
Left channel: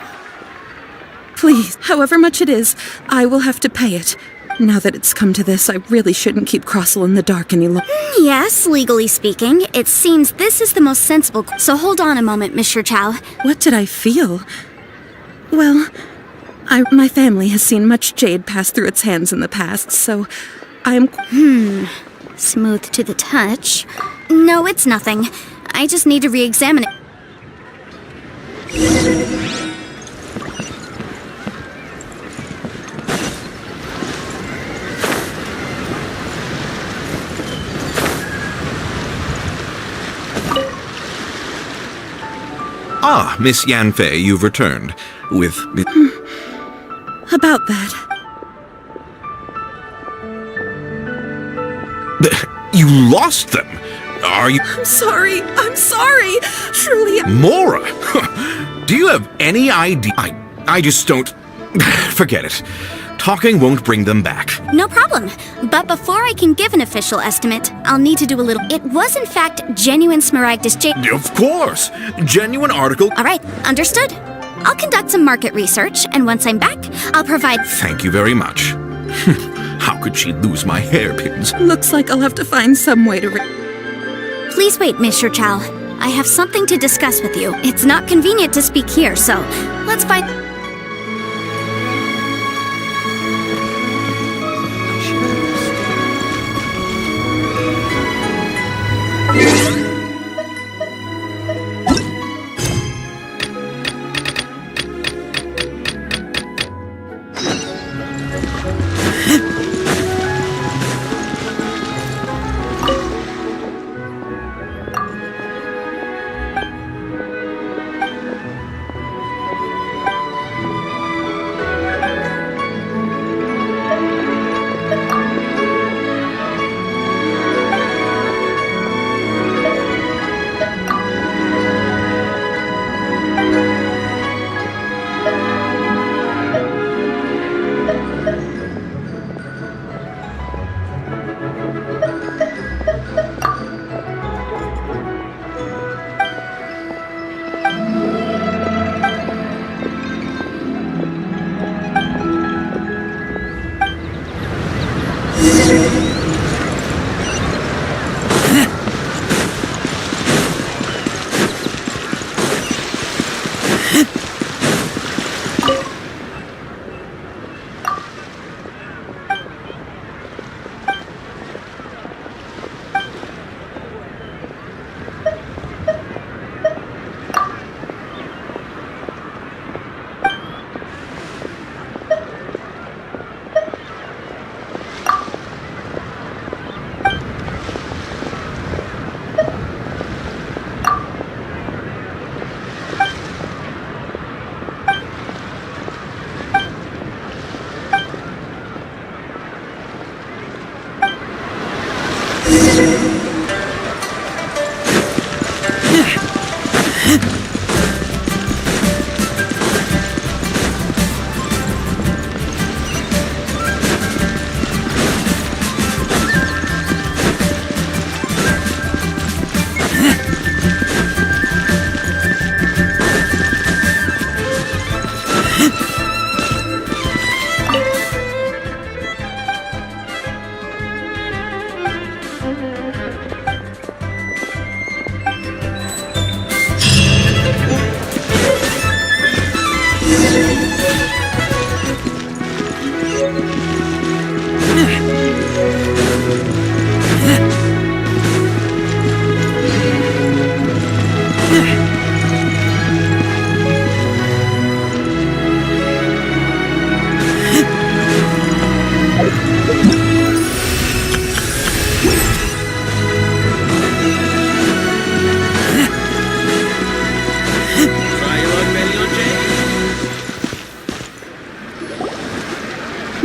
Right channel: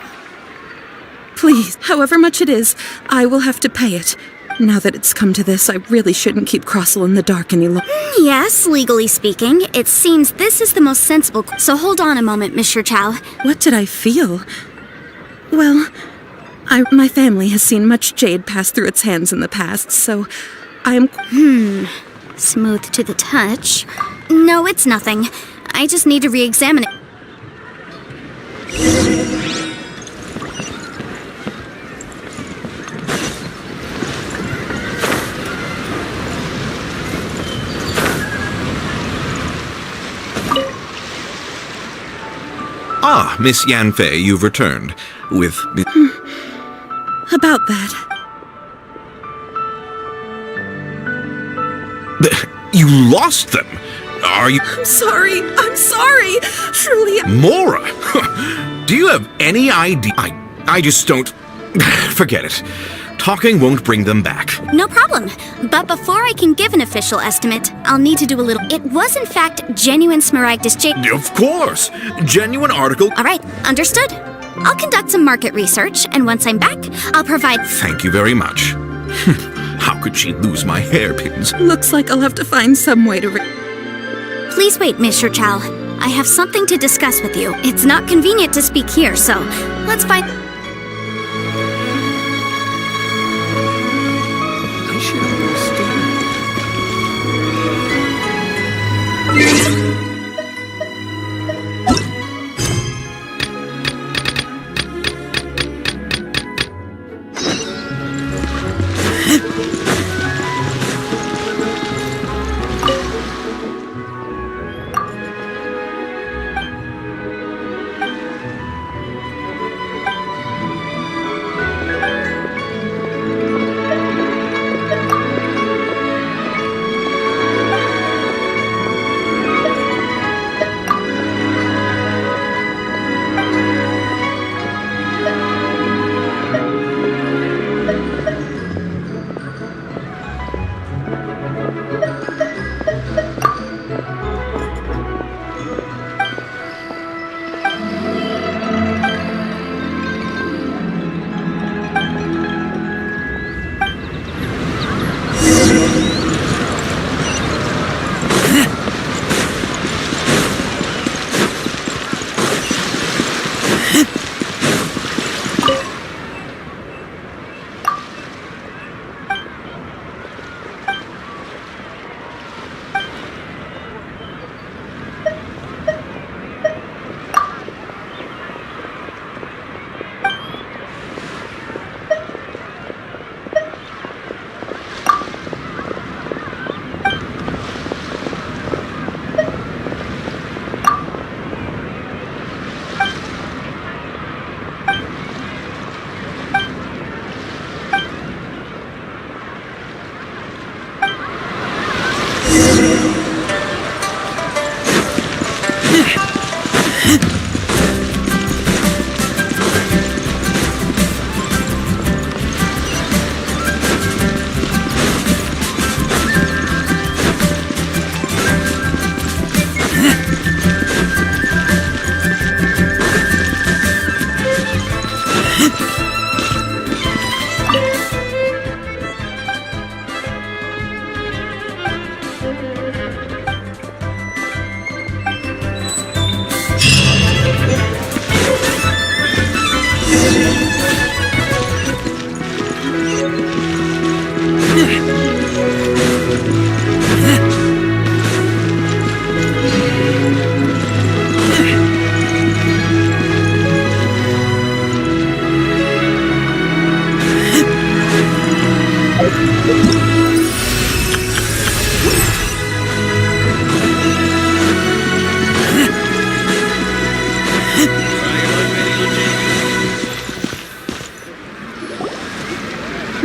Please, however much it is, I will have to pay it. Now that it's come to this, I really shouldn't keep Crossel in the dark any longer. Yes, legally speaking, it seems this is the most sensible... So hold on a moment, Mr. Chow. What did I feel? Well, my family has seen much jade pass through its hands in the past, so I'm... Smooth to the touch. No, it's nothing. I just need to re-examine it. Ah, Miss Yanfei, you've returned. With... About that. You lost them? Are you... I'm sorry. Truly... Mora! Do you have any idea? I just don't... Forget it. Talking won't bring them back. No problem. But before I can give an official estimate, I'll need to do a little... It was in fact genuine Smaragdus jade... Of course! Genuine article... All right, understood. I'll conduct some market research, and once I'm back, I'll provide... Thank you very much. How could she lose my hairpins? Looks like I'll have to find some way to... Please wait, Mr. Chow. I have something to discuss with you. It's not convenient to speak here, so let's find...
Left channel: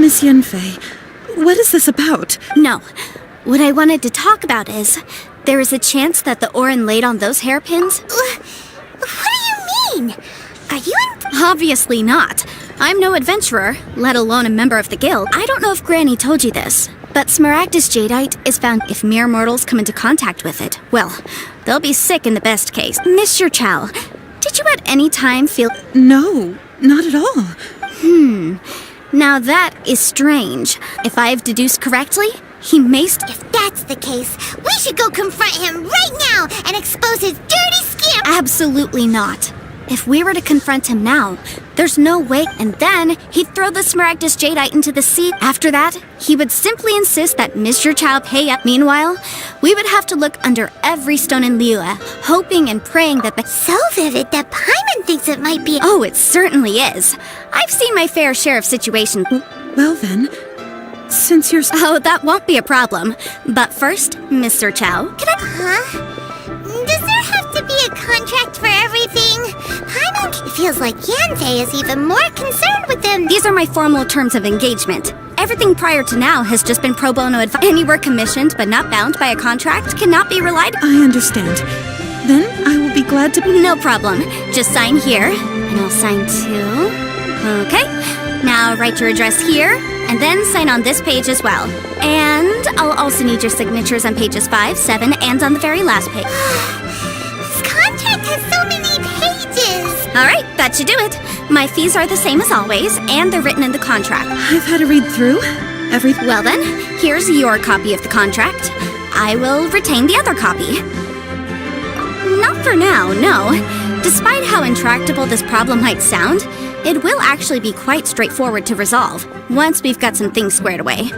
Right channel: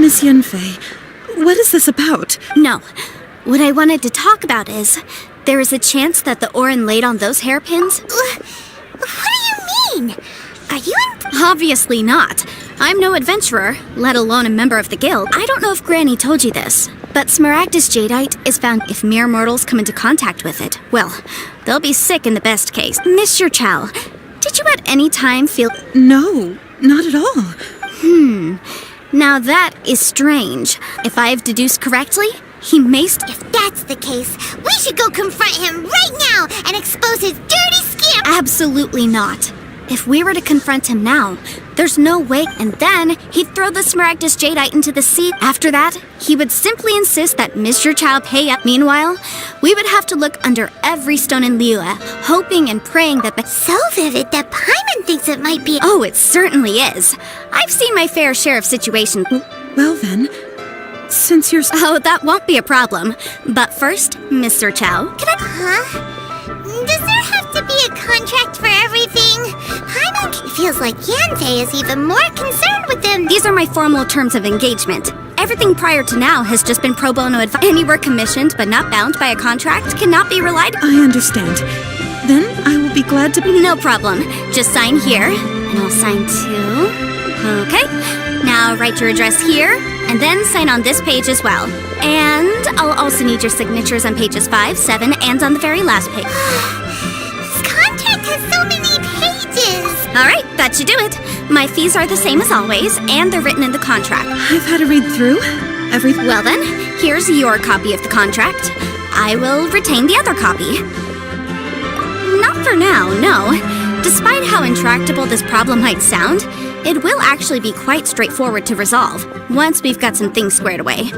Miss Yunfei, what is this about? No. What I wanted to talk about is, there is a chance that the Orin laid on those hairpins. What do you mean? Are you Obviously not. I'm no adventurer, let alone a member of the guild. I don't know if Granny told you this, but Smaragdus jadeite is found if mere mortals come into contact with it. Well, they'll be sick in the best case. Mr. Chow, did you at any time feel... No, not at all. Now that is strange. If I've deduced correctly, he may If that's the case, we should go confront him right now and expose his dirty skin! Absolutely not. If we were to confront him now, there's no way, and then he'd throw the Smaragdus jadeite into the sea. After that, he would simply insist that Mr. Chow pay up. Meanwhile, we would have to look under every stone in Liyue, hoping and praying that the... So vivid that Paimon thinks it might be... Oh, it certainly is. I've seen my fair share of situations. Well then, since you're... Oh, that won't be a problem. But first, Mr. Chow, can I... Huh? Does there have to be a contract for everything? Paimon, it feels like Yanfei is even more concerned with them. These are my formal terms of engagement. Everything prior to now has just been pro bono advice. Any work commissioned but not bound by a contract cannot be relied on. I understand. Then I will be glad to... No problem. Just sign here, and I'll sign too. Okay. Now write your address here, and then sign on this page as well. And I'll also need your signatures on pages 5, 7, and on the very last page. This contract has so many pages! Alright, that should do it. My fees are the same as always, and they're written in the contract. I've had to read through everything. Well then, here's your copy of the contract. I will retain the other copy. Not for now, no. Despite how intractable this problem might sound, it will actually be quite straightforward to resolve, once we've got some things squared away.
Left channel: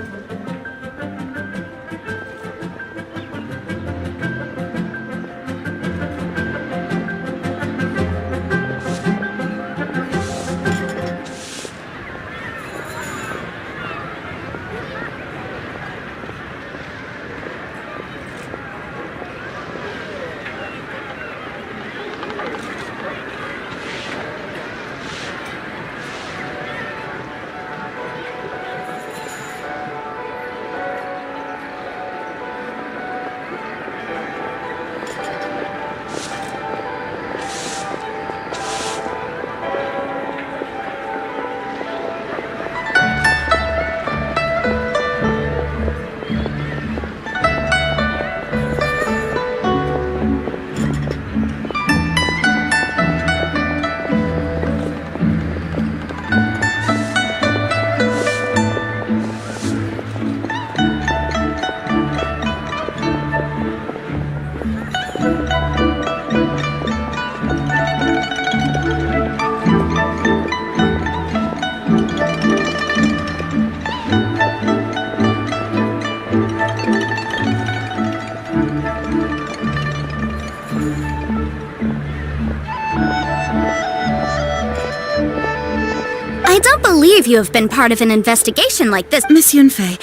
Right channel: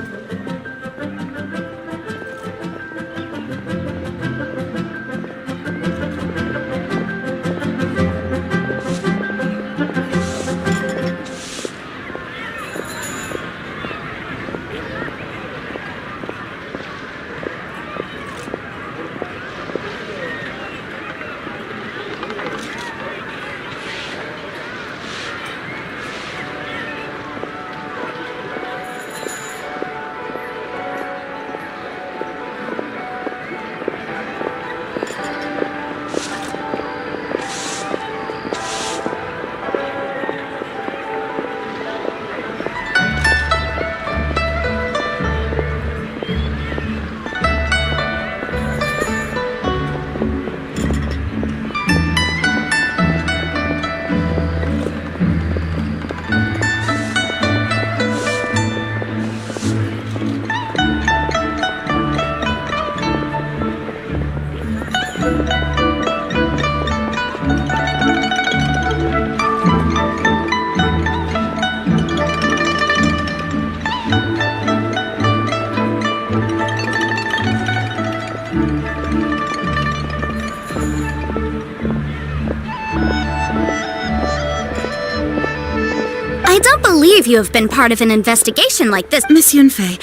I don't believe you have been part of an investigation like this. Miss Yunfei,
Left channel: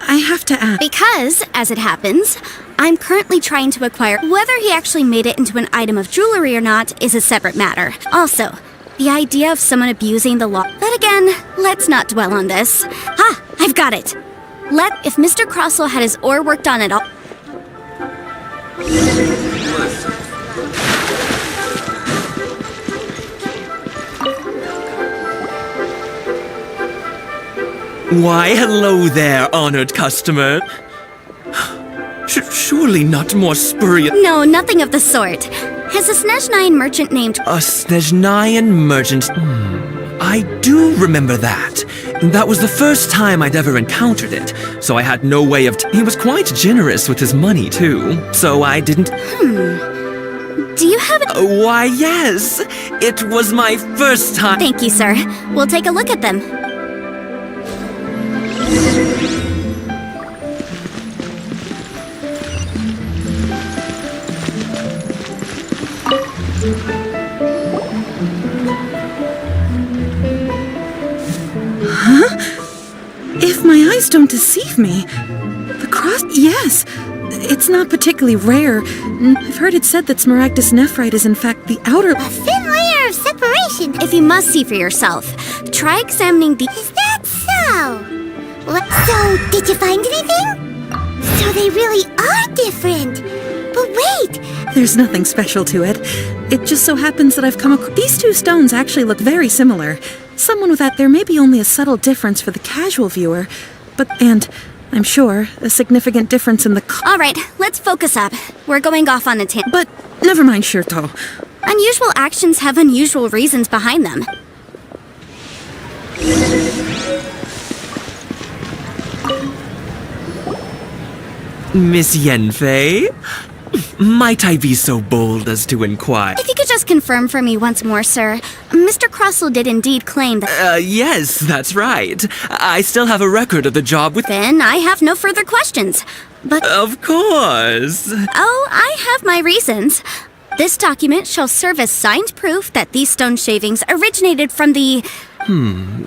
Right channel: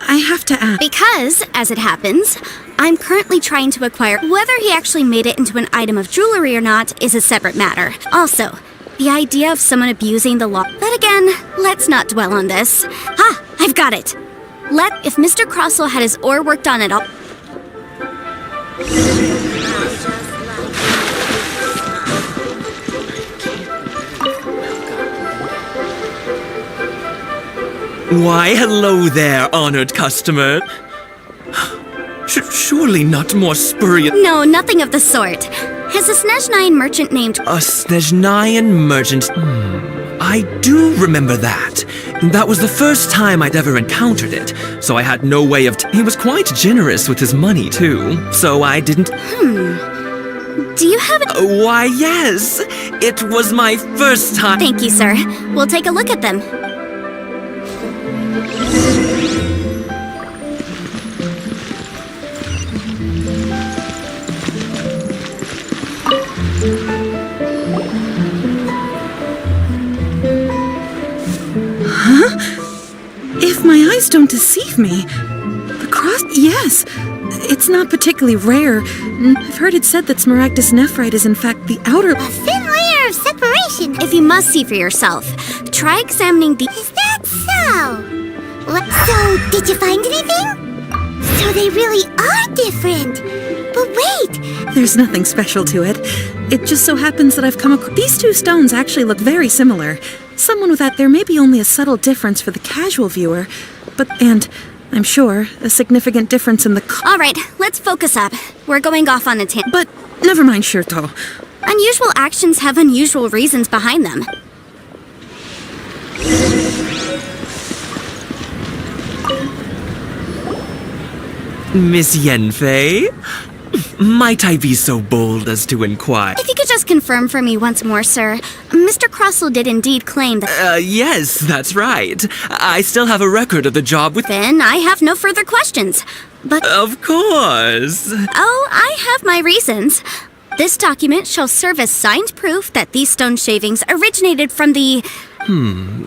I have to ask. Because, as it happens, I'm currently trying to acquire whether he actually made it into an item of jewelry or not is a separate matter. Also, the idea of someone abusing the law. But again, let's not dwell on this. Ah, I've got it. If Mr. Crossell had his ore worked on at all. Why, hello there, honored customer. Surely not more spurious. No, nothing of the sort. Has a Snezhnayan merchant named... A Snezhnayan merchant? I do remember that. That was the first time I'd ever encountered it, so I had no way of... He was quite generous with his money, too, so I didn't... Do you have a... Why, yes. It was my first time... Thank you, sir. We'll take a look at them. Huh? If my eyes don't deceive me, the cross... Yes, it's not particularly rare. I've heard it said that Smaragdus nephrite is in fact the outer... A thin layer of separation. If you must see for yourself, try examining the... Is that so? So, did you find anything? So they really are different. But wait! There's nothing special to it. It just so happens that I've come across... These two stones actually look very similar. Someone with that, there may be only a subtle difference for the casual viewer, and I'm sure a significant difference in the... All right, let's focus up. We're going off on a tangent. But never mind, Shirto. Unusual actions have unusual reasons behind them. Miss Yanfei? Might I be so bold as to inquire? If you could just confirm for me once more, sir. Mr. Crossell did indeed claim that... Yes, that's right. I still have a record of the job with... Then I have no further questions. But... Of course. Oh, I have my reasons. This document shall serve as signed proof that these stone shavings originated from the...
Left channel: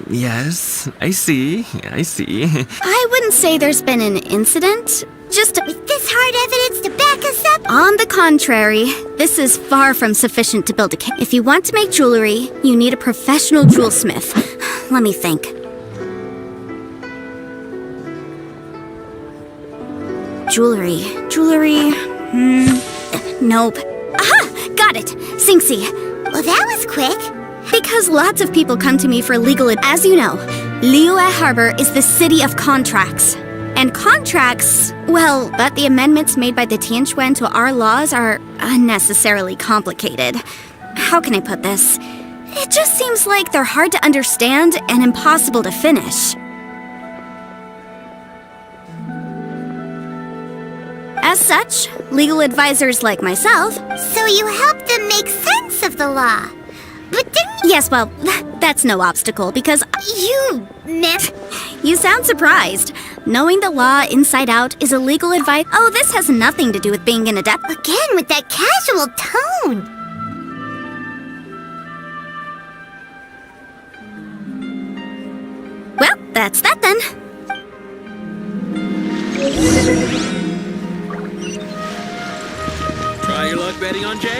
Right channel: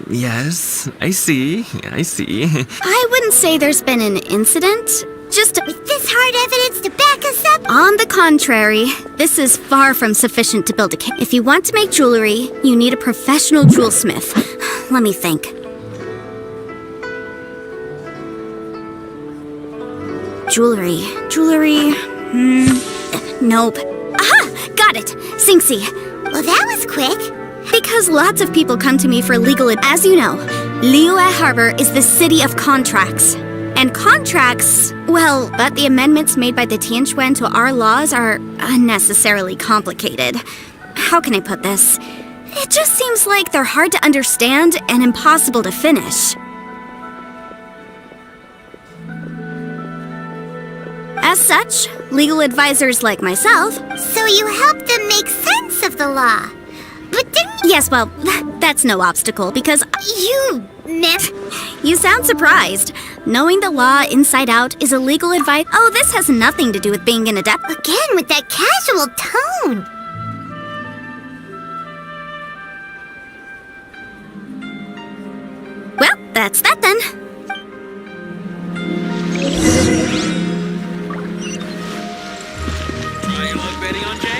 Yes, I see. I wouldn't say there's been an incident. Just with this hard evidence to back us up? On the contrary, this is far from sufficient to build a case. If you want to make jewelry, you need a professional jewelsmith. Let me think. Jewelry. Nope. Aha! Got it! Singsi. Well, that was quick. Because lots of people come to me for legal advice. As you know, Liyue Harbor is the city of contracts. And contracts, well, but the amendments made by the Tianquan to our laws are unnecessarily complicated. How can I put this? It just seems like they're hard to understand and impossible to finish. As such, legal advisors like myself... So you help them make sense of the law. But didn't... Yes, well, that's no obstacle, because... You sound surprised. Knowing the law inside out is a legal advice... Oh, this has nothing to do with being an adept. Again, with that casual tone. Well, that's that then. Try your luck betting on Jade?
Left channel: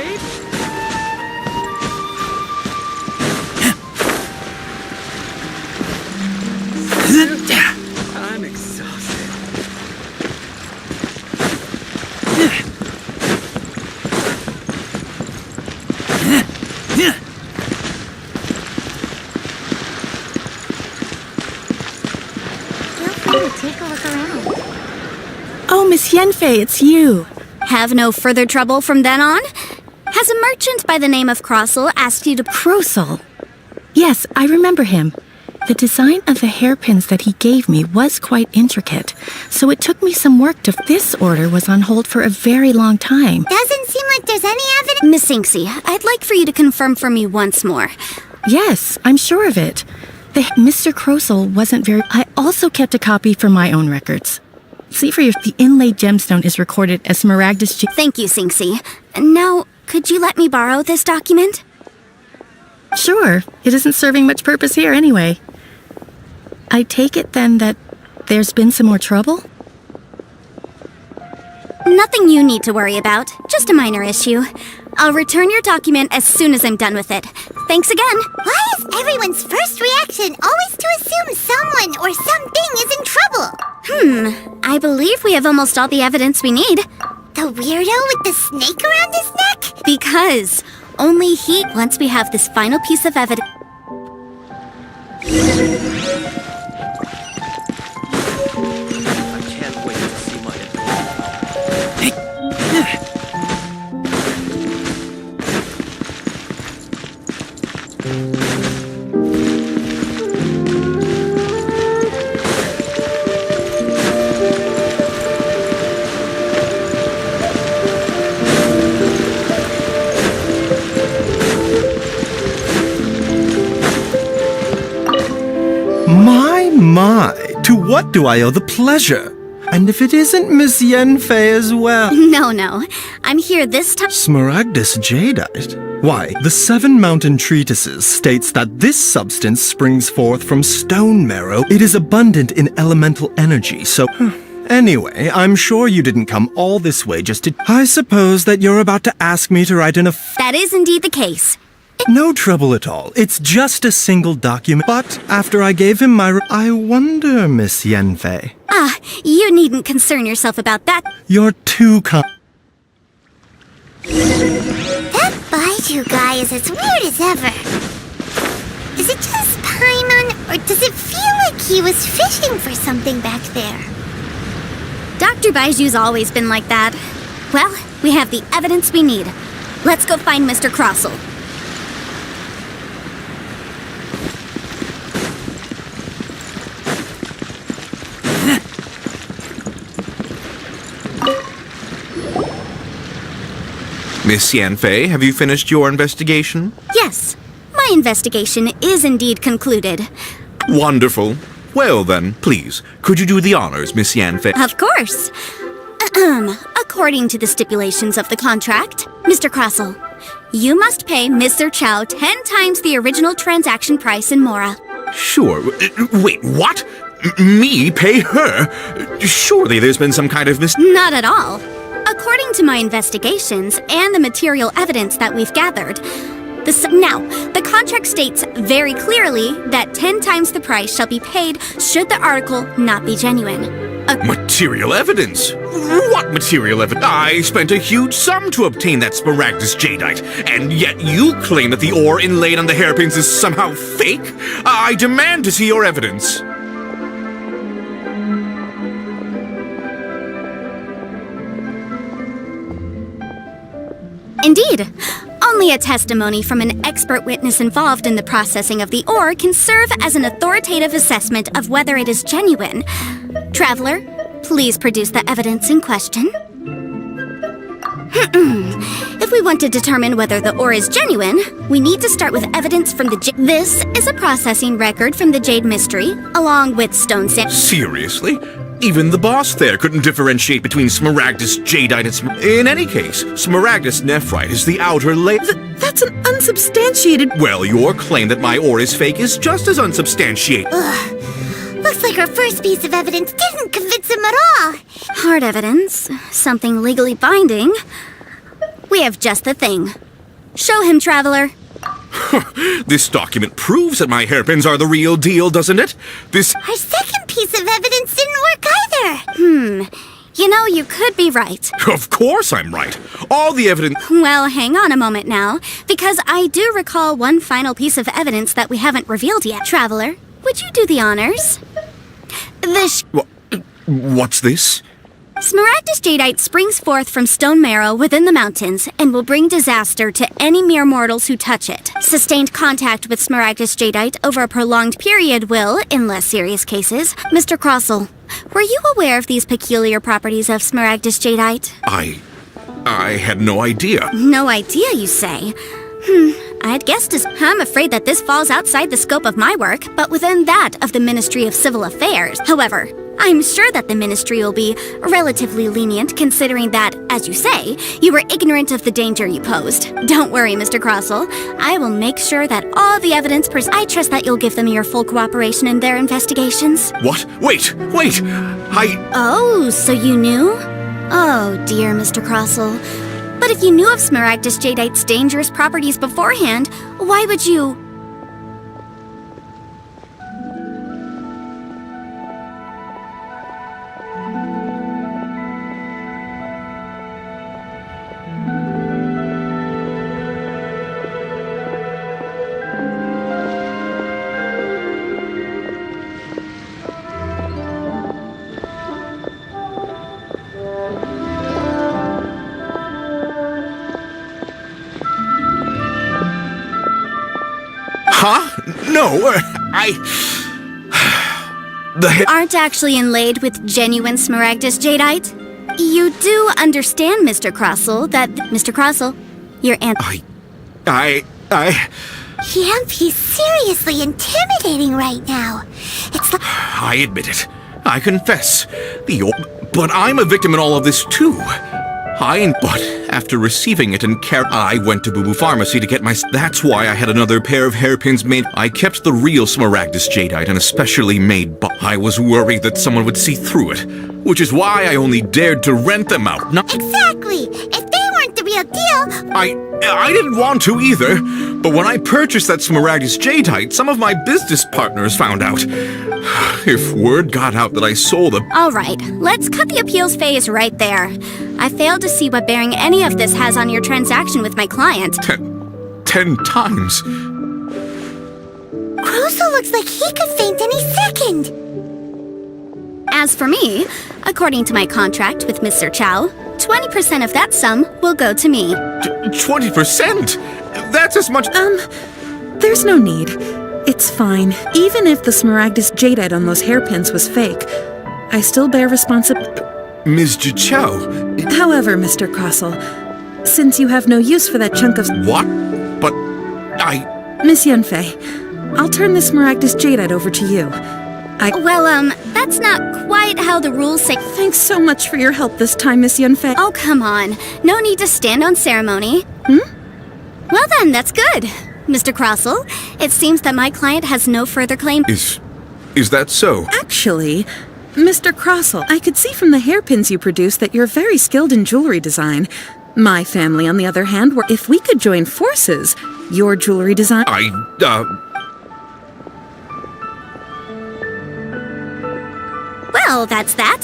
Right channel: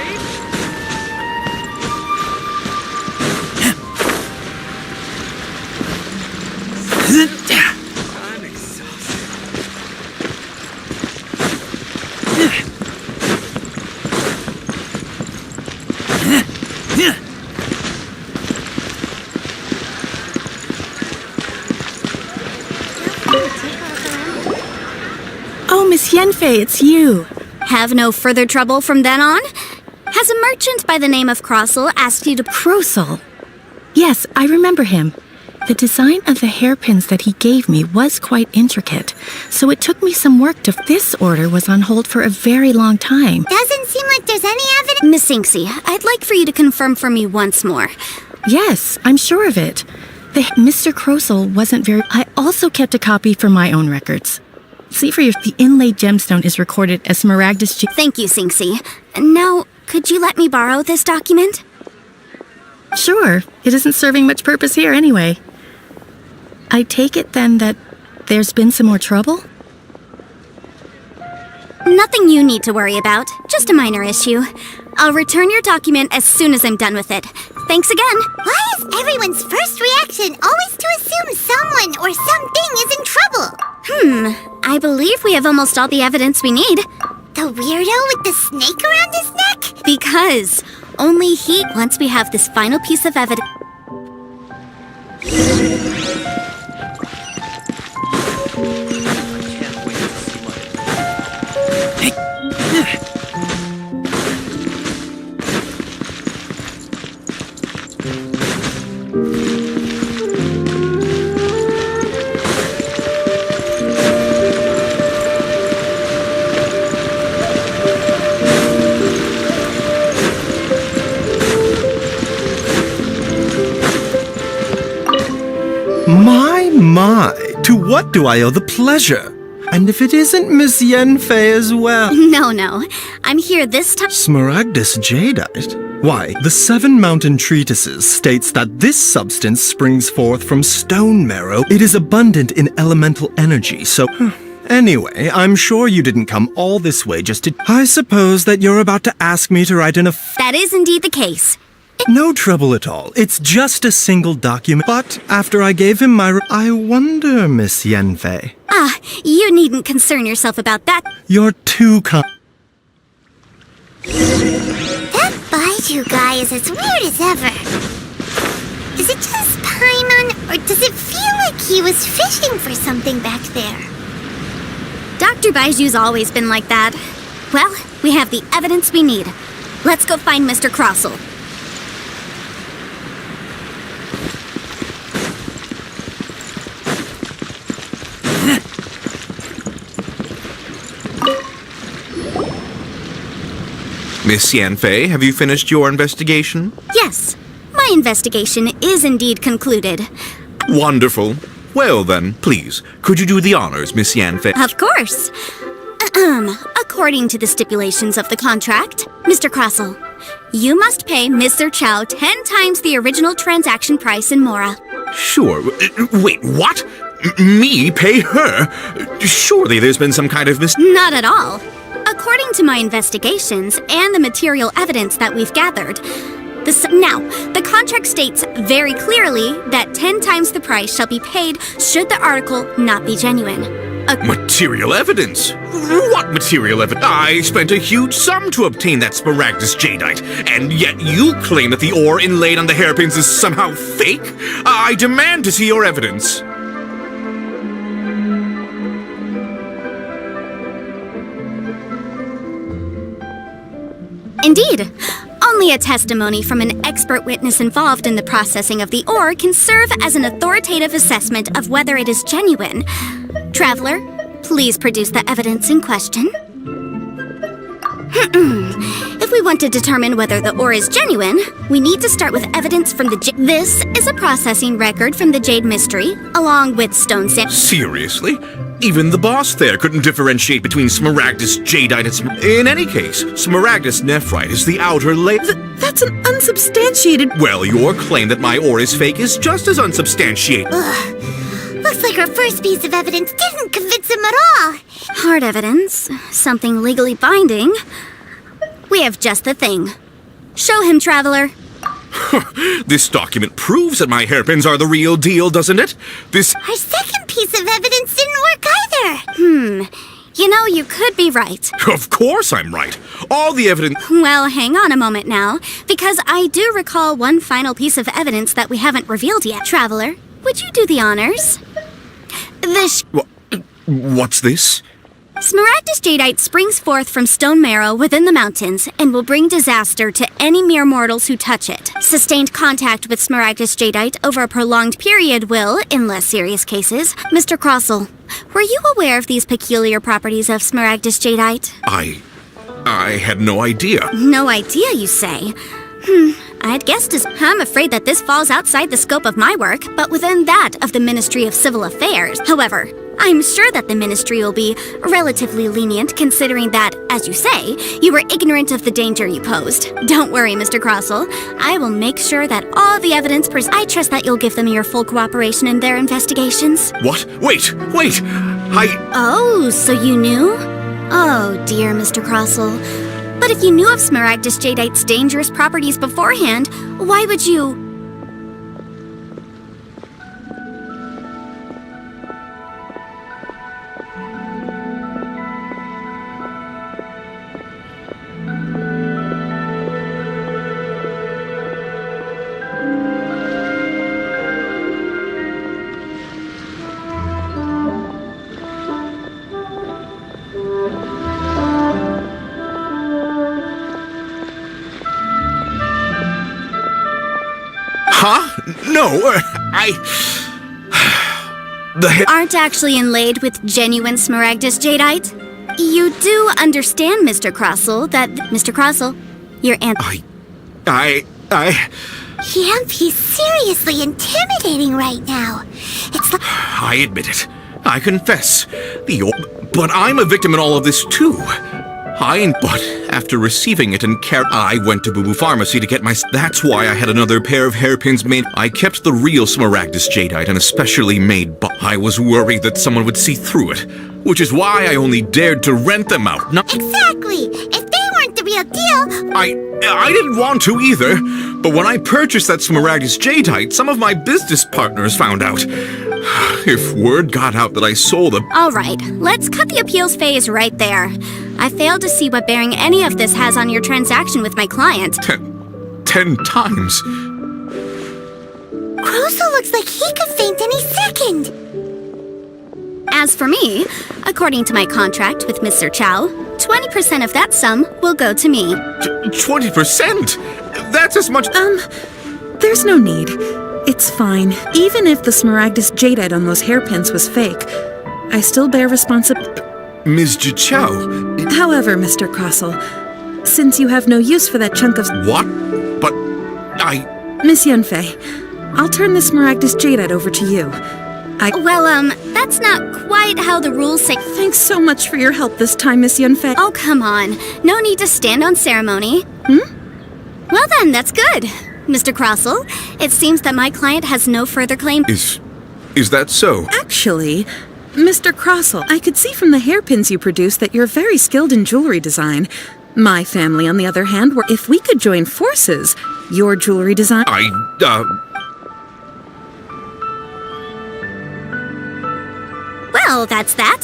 Oh, Miss Yanfei, it's you. Have no further trouble from then on? Has a merchant by the name of Crossell asked you to... Crossell? Yes, I remember him. The design of the hairpins that he gave me was quite intricate, so it took me some work to... This order was on hold for a very long time. Doesn't seem like there's any evidence... Miss Singsi, I'd like for you to confirm for me once more. Yes, I'm sure of it. Mr. Crossell wasn't very... I also kept a copy for my own records. See for your... The inlaid gemstone is recorded as Smaragdus... Thank you, Singsi. Now, could you let me borrow this document? Sure. It isn't serving much purpose here anyway. I take it then that there's been some more trouble? Nothing you need to worry about. Just a minor issue. I'll return your document as soon as I'm done with it. Thanks again. Why is everyone's first reaction always to assume someone or something is in trouble? I believe we have almost all the evidence we need. The weirdo with the snake around his neck? Because only he... Once we have this final piece of evidence... My, to what do I owe the pleasure? And if it isn't Miss Yanfei as well? No. I'm here this time. Smaragdus jadeite? Why, the 7 mountain treatises states that this substance springs forth from stone marrow. It is abundant in elemental energy, so... Anyway, I'm sure you didn't come all this way just to... I suppose that you're about to ask me to write in a... That is indeed the case. No trouble at all. It's just a single document. But after I gave him my... I wonder, Miss Yanfei. Ah, you needn't concern yourself about that. You're too kind. That Baiju guy is as weird as ever. Is it just Paimon, or does it feel like he was fishing for something back there? Dr. Baiju's always been like that. Well, we have the evidence we need. Let's go find Mr. Crossell. Miss Yanfei, have you finished your investigation? Yes, my investigation is indeed concluded. Wonderful. Well then, please, could you do the honors, Miss Yanfei? Of course. According to the stipulations of the contract, Mr. Crossell, you must pay Mr. Chow 10 times the original transaction price in Mora. Sure. Wait, what? Me pay her? Surely there's been some kind of Not at all. According to my investigations and the material evidence that we've gathered, the contract states very clearly that 10 times the price shall be paid should the article not be genuine. Material evidence? What material evidence? I spent a huge sum to obtain that Smaragdus Jadeite, and yet you claim that the ore inlaid on the hairpins is somehow fake? I demand to see your evidence. Indeed. Only a testimony from an expert witness involved in the processing of the ore can serve as an authoritative assessment of whether it is genuine. Traveler, please produce the evidence in question. If we want to determine whether the ore is genuine, we need to start with evidence from the This is a processing record from the Jade Mystery, along with stone sand. Seriously? Even the boss there couldn't differentiate between Smaragdus Jadeite and In any case, Smaragdus Nephrite is the outer layer. That's an unsubstantiated... Well, your claim that my ore is fake is just as unsubstantiated. Ugh. Looks like our first piece of evidence didn't convince him at all. Hard evidence, something legally binding. We have just the thing. Show him, Traveler. This document proves that my hairpins are the real deal, doesn't it? Our second piece of evidence didn't work either. You know, you could be right. Of course I'm right. All the evidence... Well, hang on a moment now, because I do recall one final piece of evidence that we haven't revealed yet. Traveler, would you do the honors? What's this? Smaragdus Jadeite springs forth from stone marrow within the mountains and will bring disaster to any mere mortals who touch it. Sustained contact with Smaragdus Jadeite over a prolonged period will, in less serious cases, Mr. Crossell, were you aware of these peculiar properties of Smaragdus Jadeite? I had no idea. No idea, you say? I'd guessed as... I'm afraid that this falls outside the scope of my work, but within that of the Ministry of Civil Affairs. However, I'm sure that the Ministry will be relatively lenient, considering that, as you say, you were ignorant of the danger you posed. Don't worry, Mr. Crossell. I will make sure that all the evidence... I trust that you'll give them your full cooperation in their investigations. What? Wait! Oh, so you knew? Oh, dear Mr. Crossell. But if you knew of Smaragdus Jadeite's dangerous properties beforehand, why would you... Huh? No, aren't actually inlaid with genuine Smaragdus Jadeite? You do understand, Mr. Crossell, that... Mr. Crossell, your aunt... He's seriously intimidating right now. It's like... I admit it. I confess. But I'm a victim in all of this, too. But after receiving it and I went to Boo Boo Pharmacy to get my... That's why I had another pair of hairpins made. I kept the real Smaragdus Jadeite and a specially made I was worried that someone would see through it, which is why I only dared to rent them out. Exactly! If they weren't the real deal... I didn't want to either, but when I purchased that Smaragdus Jadeite, some of my business partners found out. If word got out that I sold a... All right, let's cut the appeals phase right there. I fail to see what bearing any of this has on your transaction with my client. 10 times. Crosel looks like he could faint any second. As for me, according to my contract with Mr. Chow, 20% of that sum will go to me. 20%? That's as much... There's no need. It's fine. Even if the Smaragdus Jadeite on those hairpins was fake, I still bear responsibility. Ms. Chow... However, Mr. Crosel, since you have no use for that chunk of... What? But I... Miss Yunfei, I'll turn the Smaragdus Jadeite over to you. Well, that's not quite how the rules say. Thanks so much for your help this time, Miss Yunfei. Oh, come on. No need to stand on ceremony. Well then, that's good. Mr. Crosel, it seems that my client has no further claim. Is that so? Actually, Mr. Crosel, I could see from the hairpins you produce that you're very skilled in jewelry design. My family, on the other hand, were if we could join forces, your jewelry design... Well, that's that.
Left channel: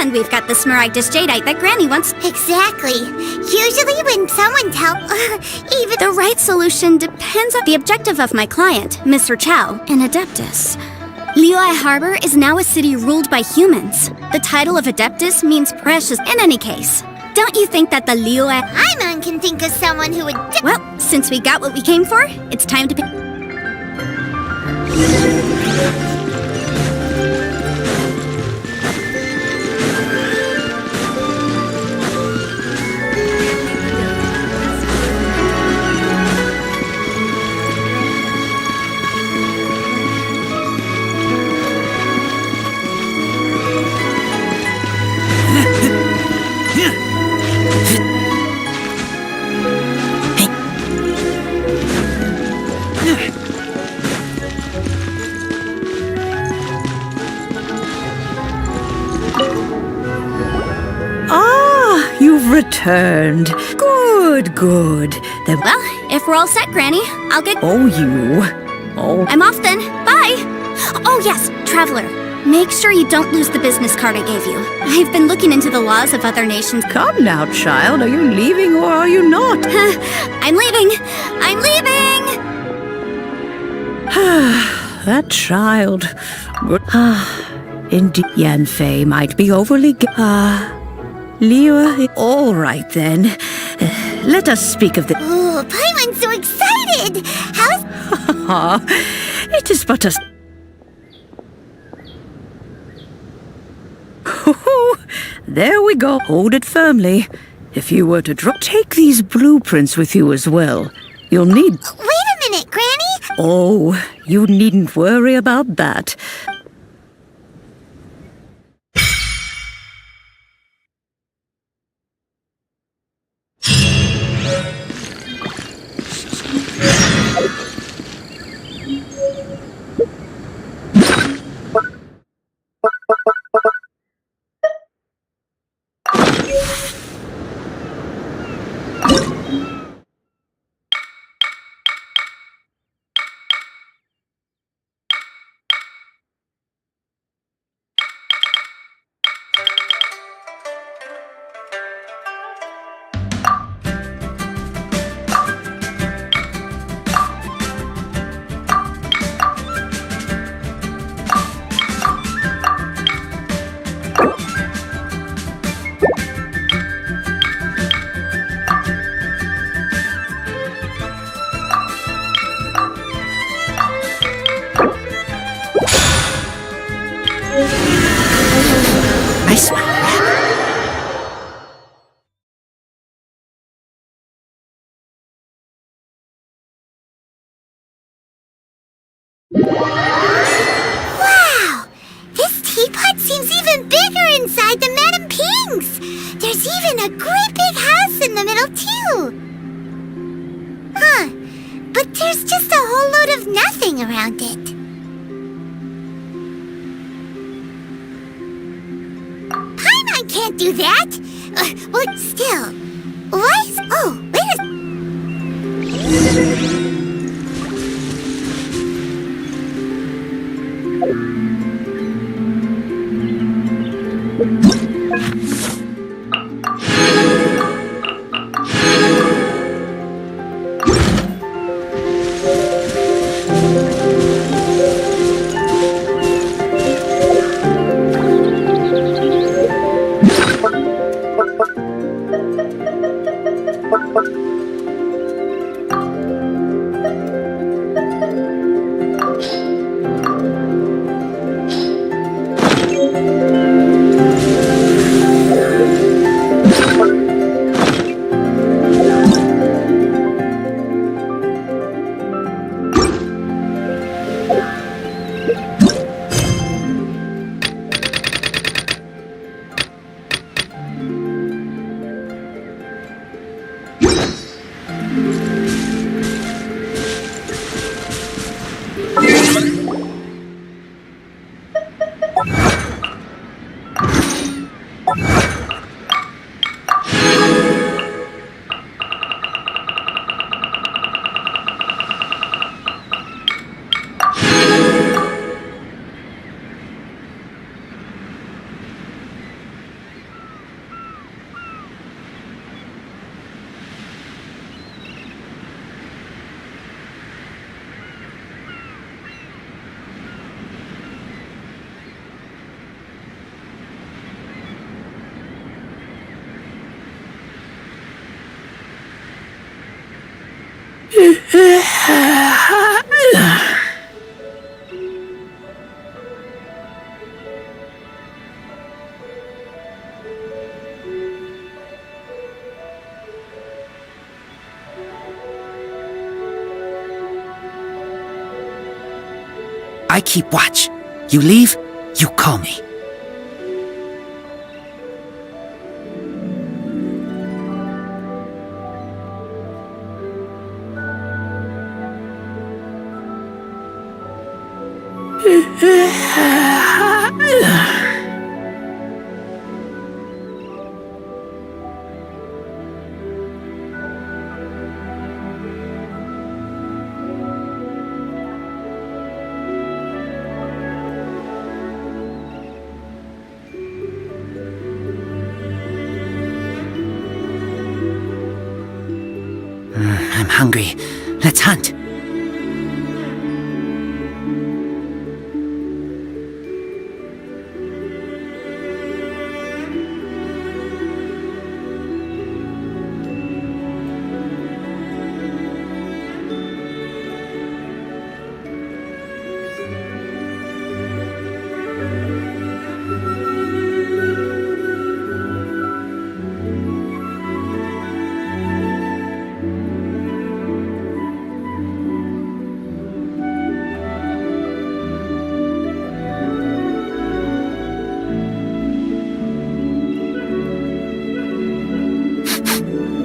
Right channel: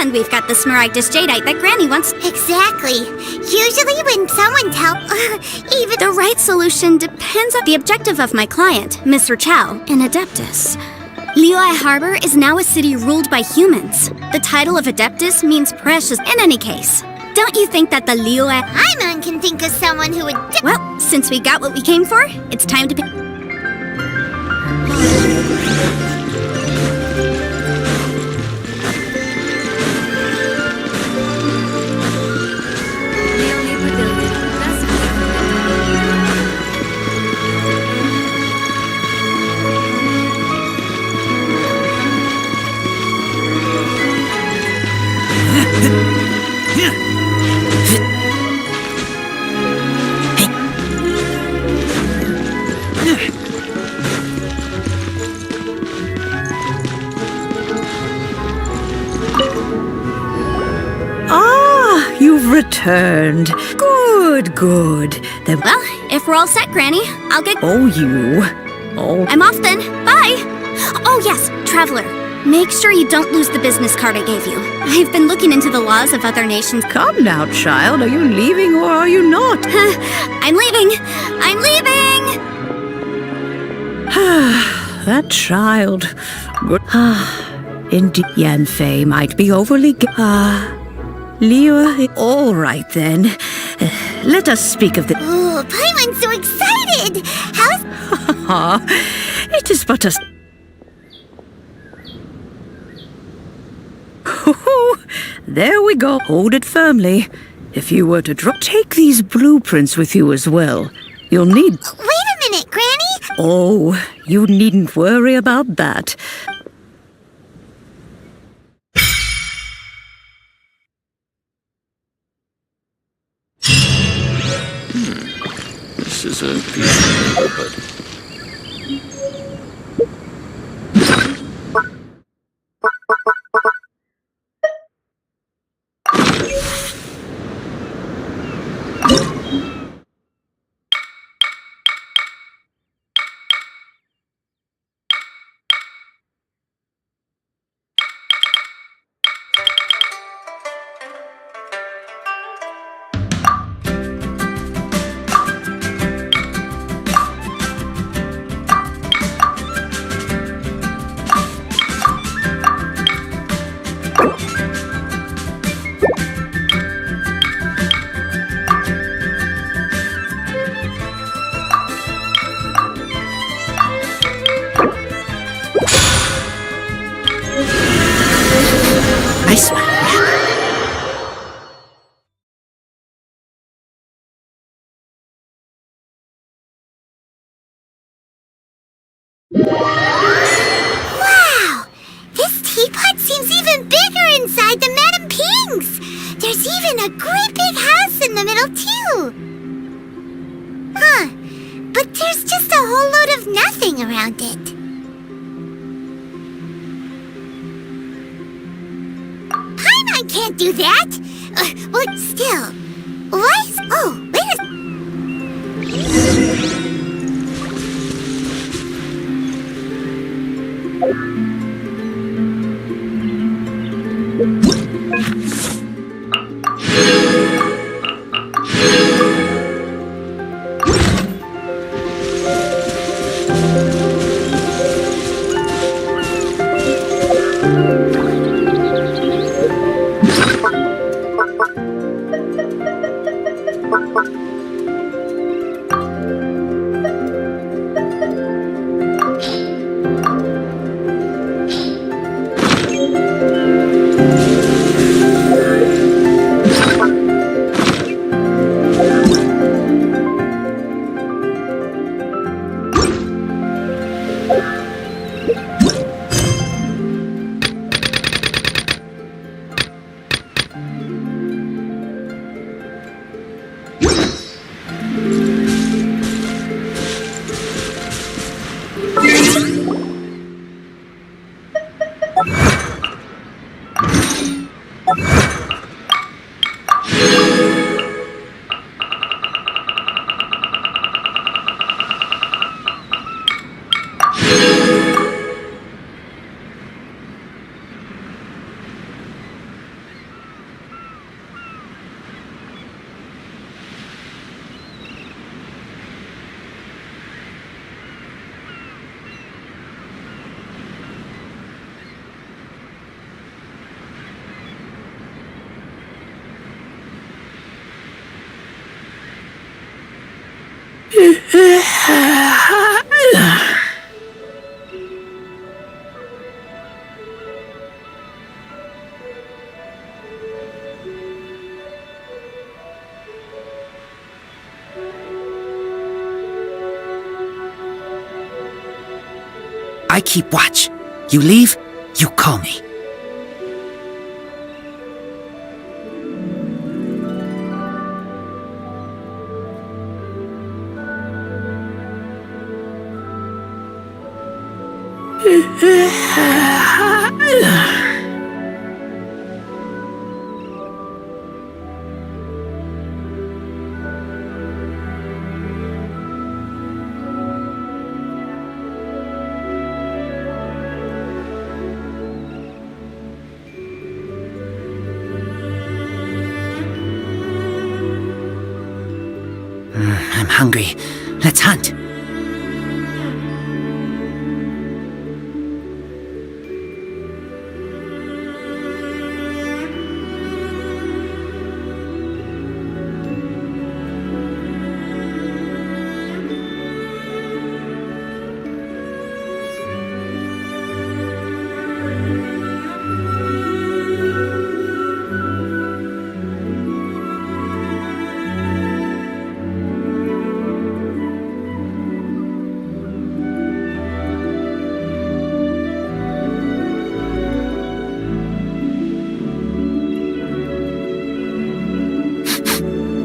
And we've got the Smaragdus Jadeite that Granny wants. Exactly. Usually when someone even... The right solution depends on the objective of my client, Mr. Chow, an Adeptus. Liyue Harbor is now a city ruled by humans. The title of Adeptus means precious in any case. Don't you think that the Liyue... Paimon can think of someone who would... Well, since we got what we came for, it's time to pick... You've returned. Good. Then... Well, if we're all set, Granny, I'll get... Oh, you. Oh. I'm off then. Bye. Oh, yes, Traveler. Make sure you don't lose the business card I gave you. I've been looking into the laws of other nations. Come now, child. Are you leaving or are you not? I'm leaving. I'm leaving! That child. Good. Indeed, Yanfei might be overly... Liyue, all right then. Let us speak of the... Oh, Paimon's so excited! How's... It is but a... There we go. Hold it firmly. If you were to drop... Take these blueprints with you as well. You'll need... Wait a minute, Granny! Oh, you needn't worry about that. This is a beautiful I smell Wow! This teapot seems even bigger inside than Madame Ping's! There's even a great big house in the middle, too! Huh. But there's just a whole load of nothing around it. Paimon can't do that! Well, still... Why is... Oh, wait a... I keep watch. You leave, you call me. I'm hungry. Let's hunt.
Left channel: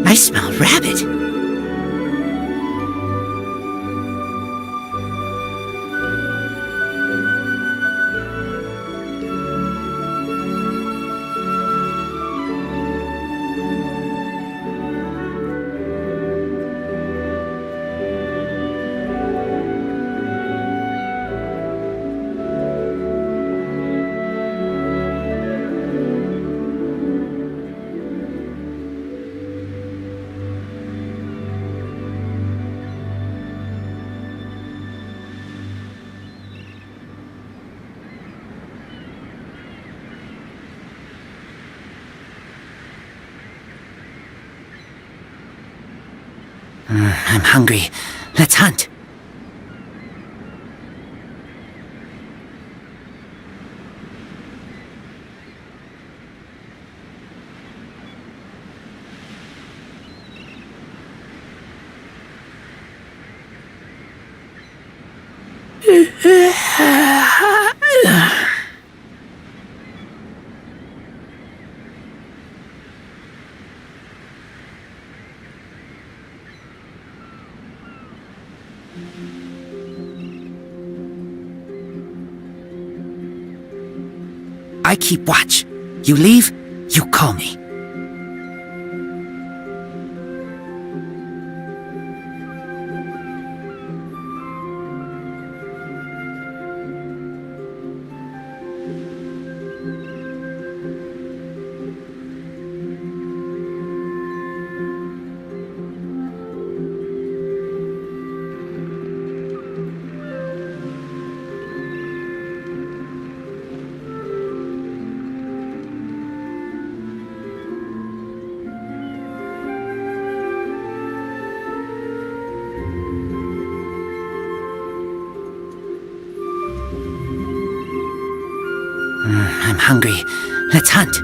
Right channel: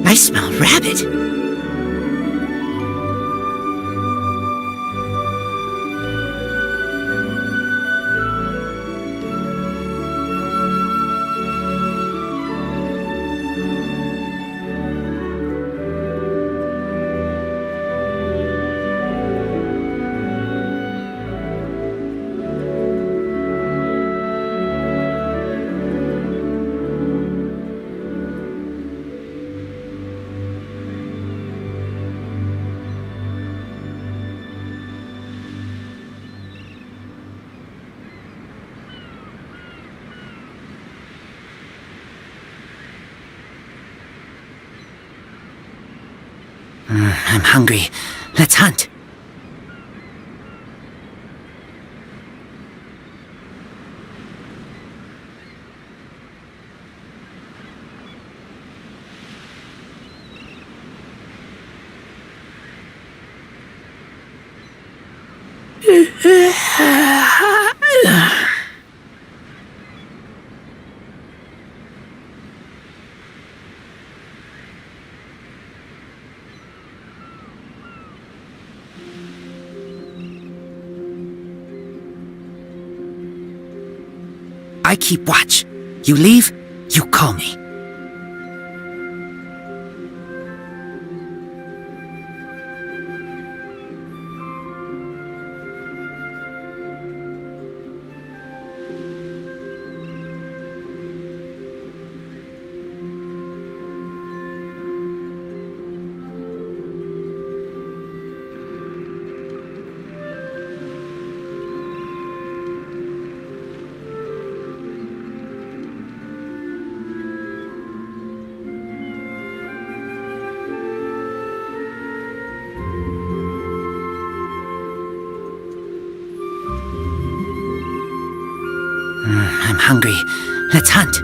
I smell rabbit. I'm hungry. Let's hunt. I keep watch. You leave, you call me. I'm hungry. Let's hunt.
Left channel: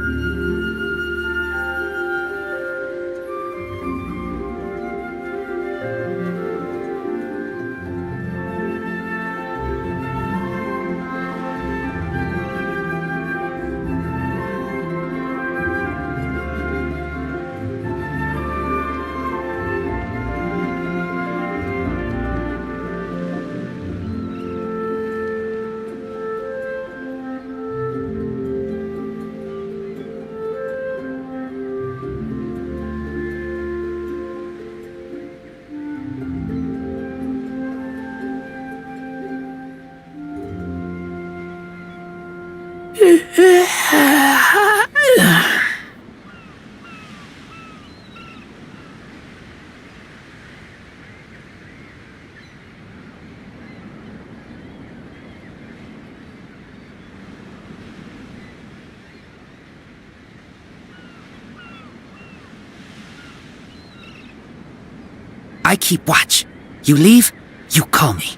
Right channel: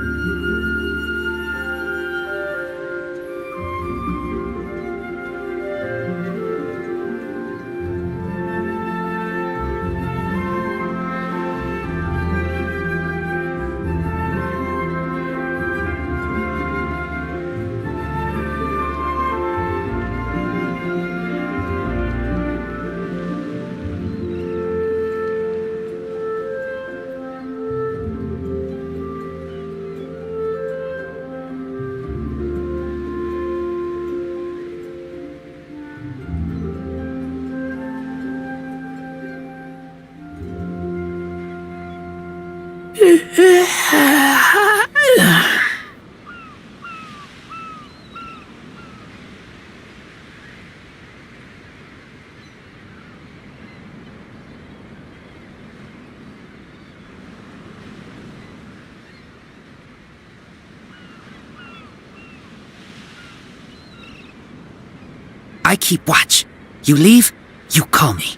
I keep watch. You leave, you call me.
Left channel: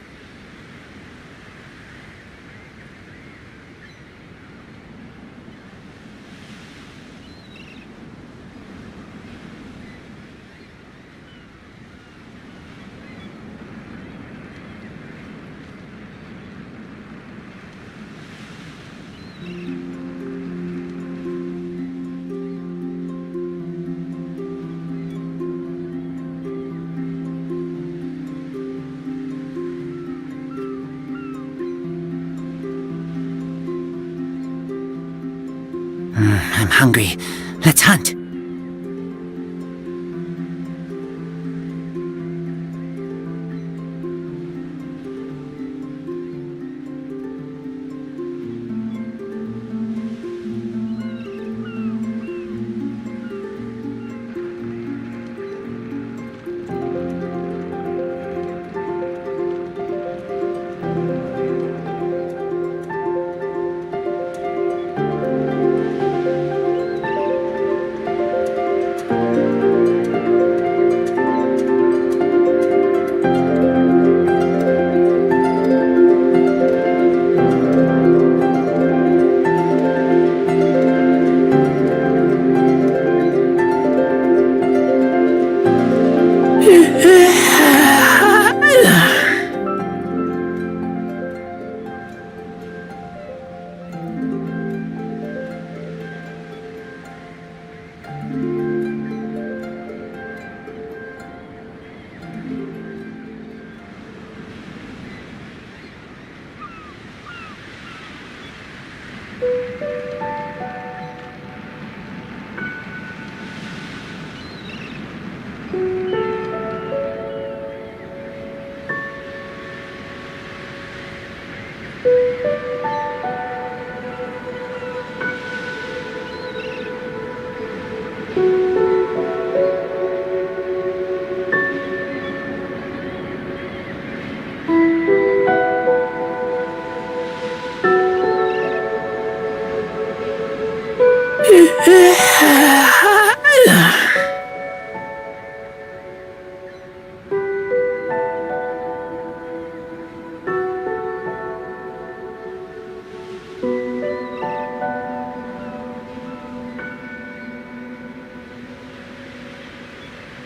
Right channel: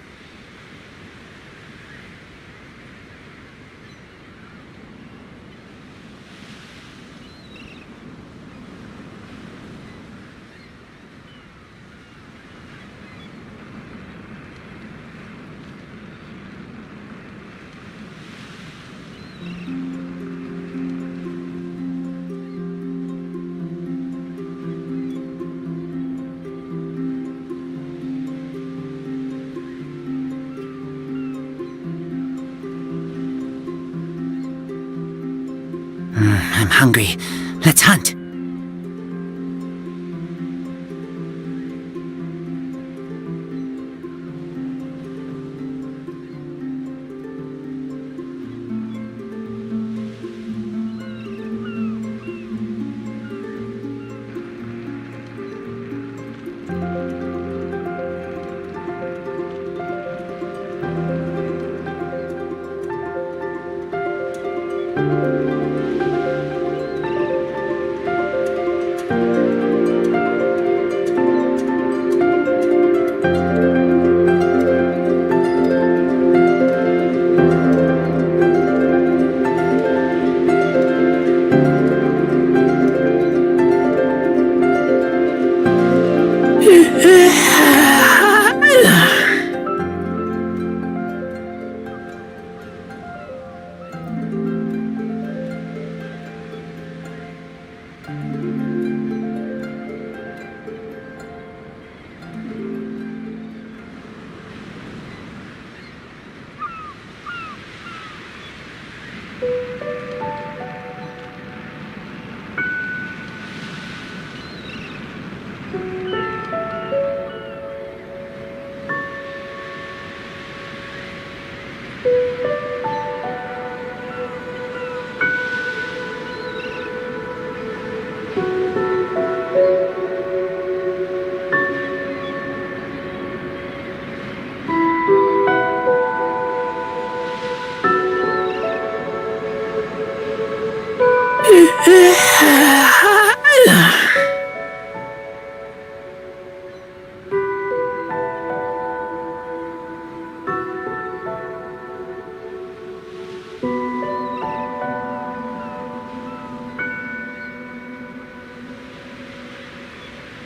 I'm hungry. Let's hunt.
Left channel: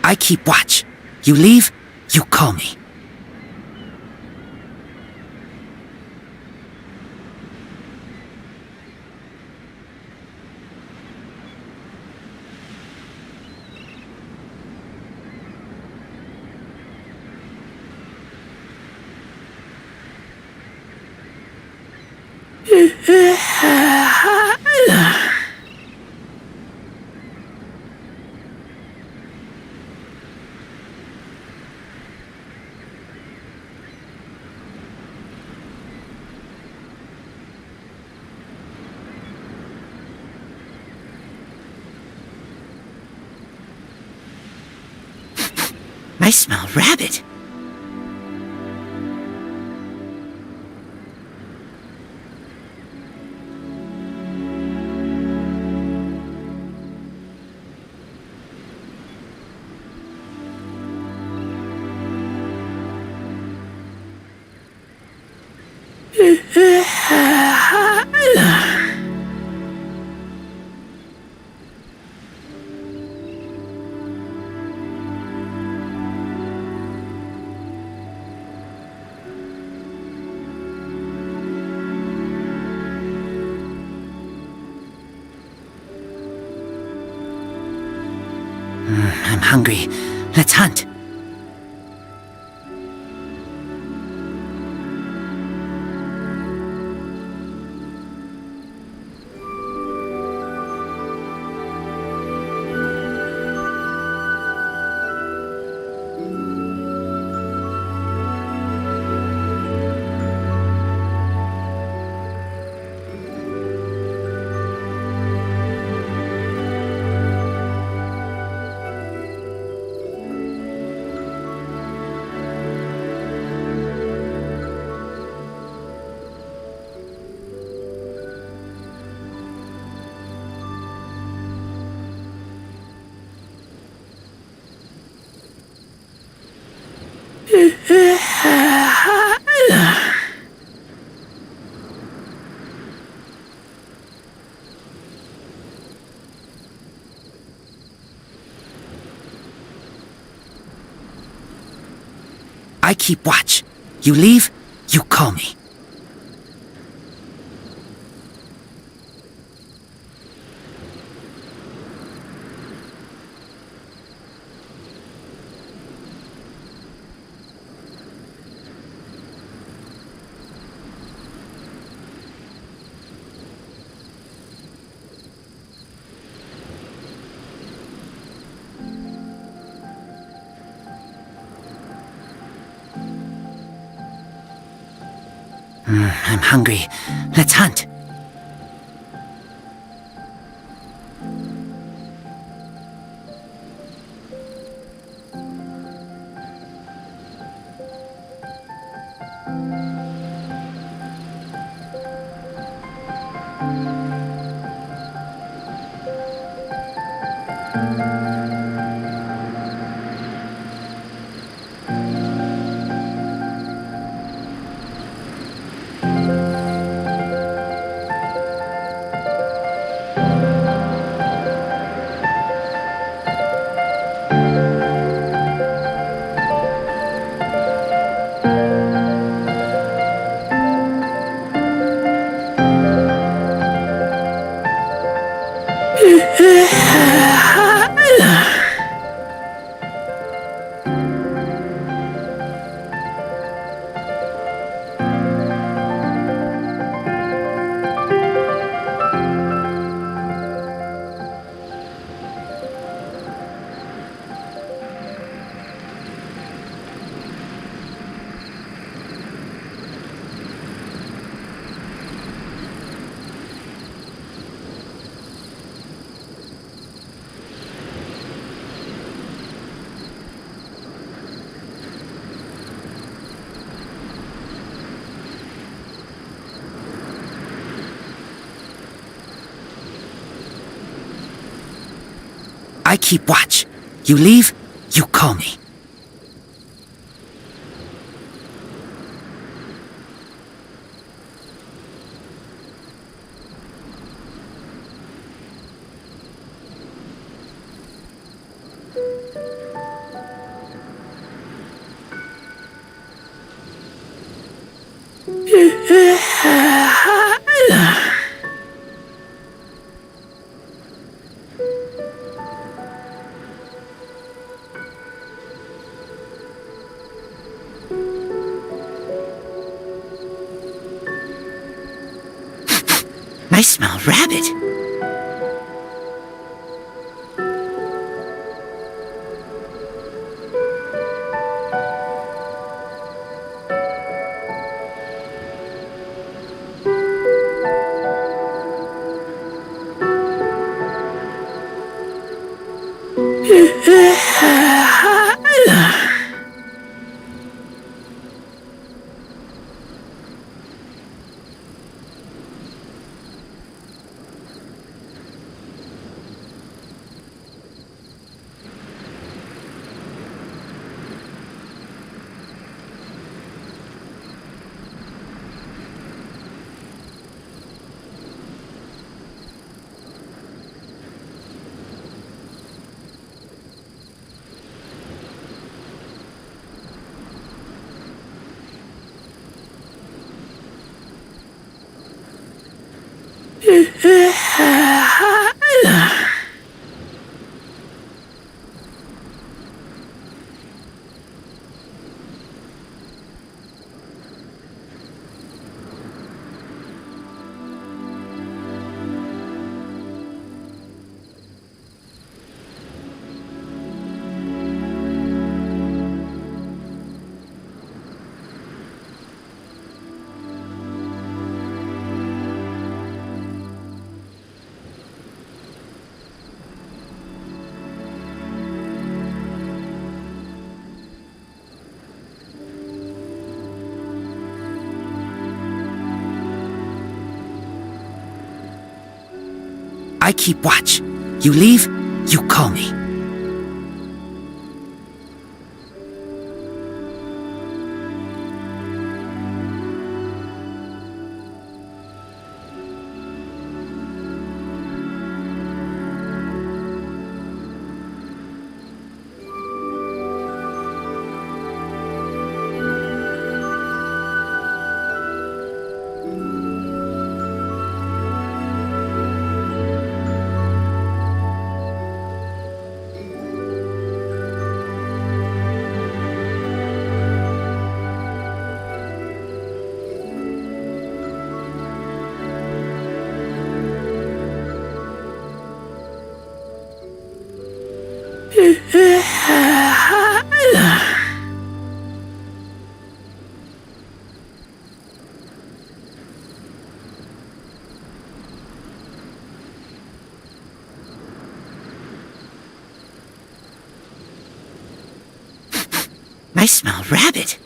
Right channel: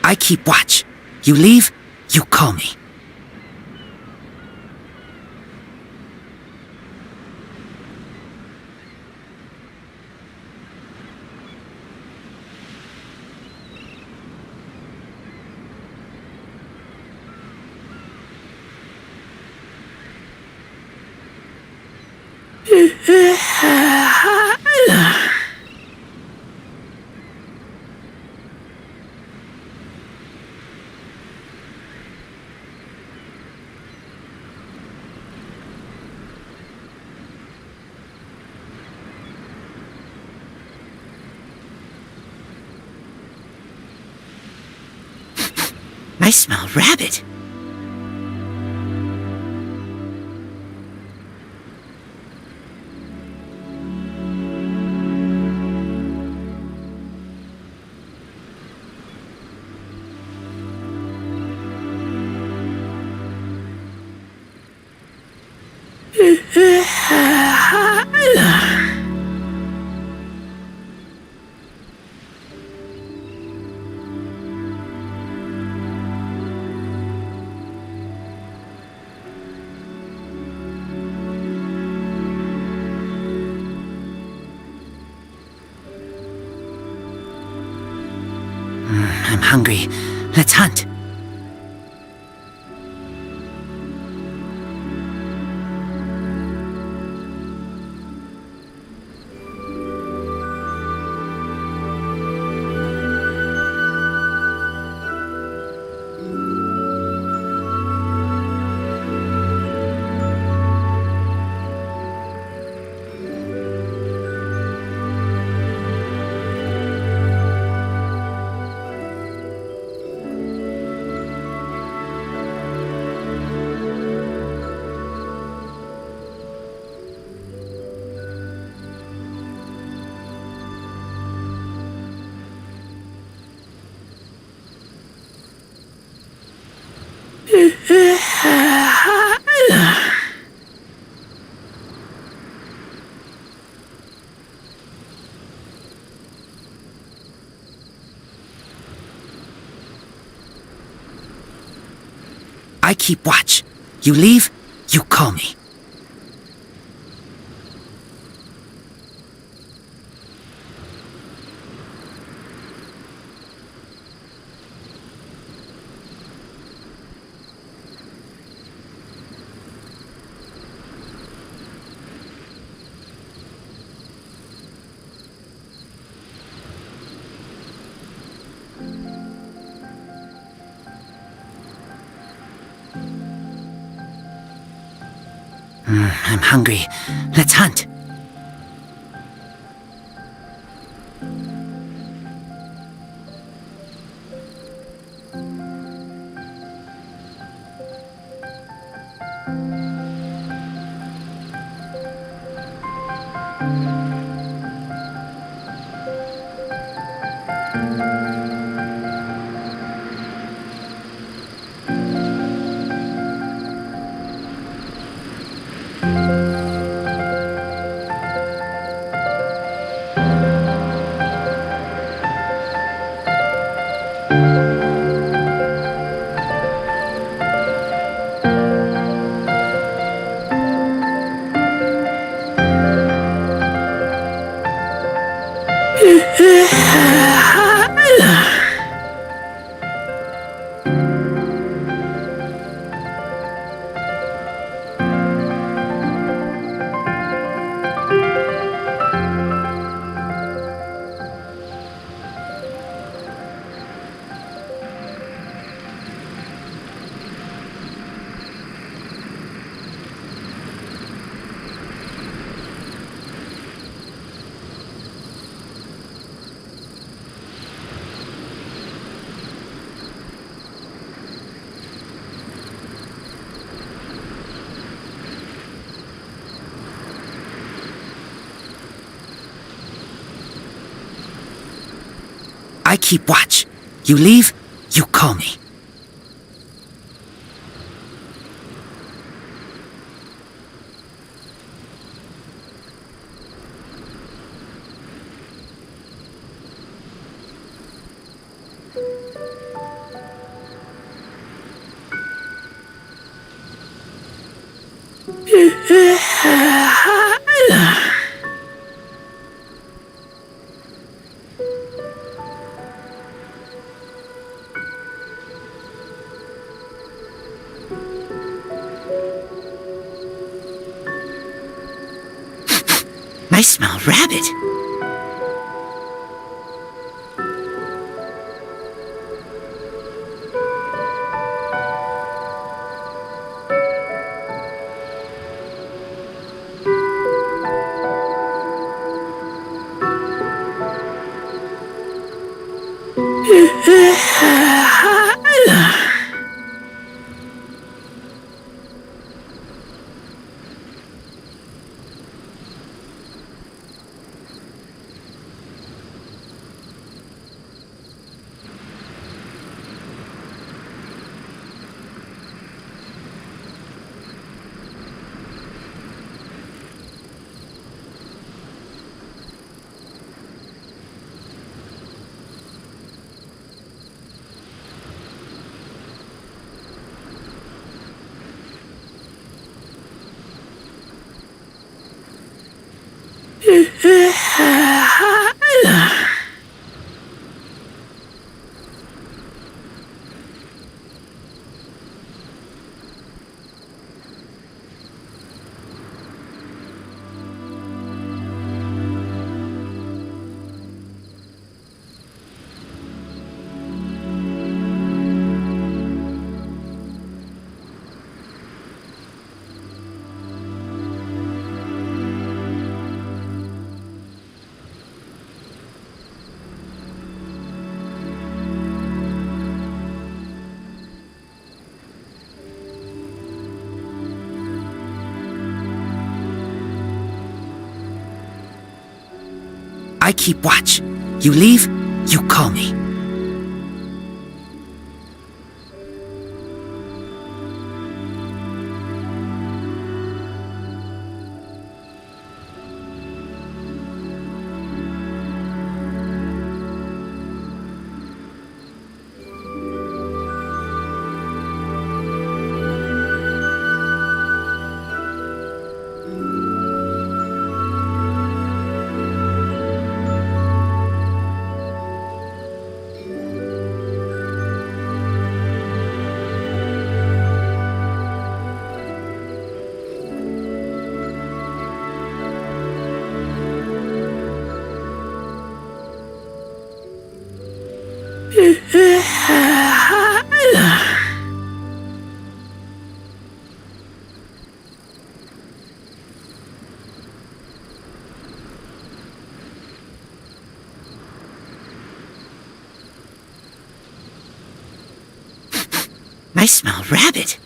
I keep watch. You leave, you call me. I smell rabbit. I'm hungry. Let's hunt. I keep watch. You leave, you call me. I'm hungry. Let's hunt. I keep watch. You leave, you call me. I smell rabbit. I keep watch. You leave, you call me. I smell rabbit.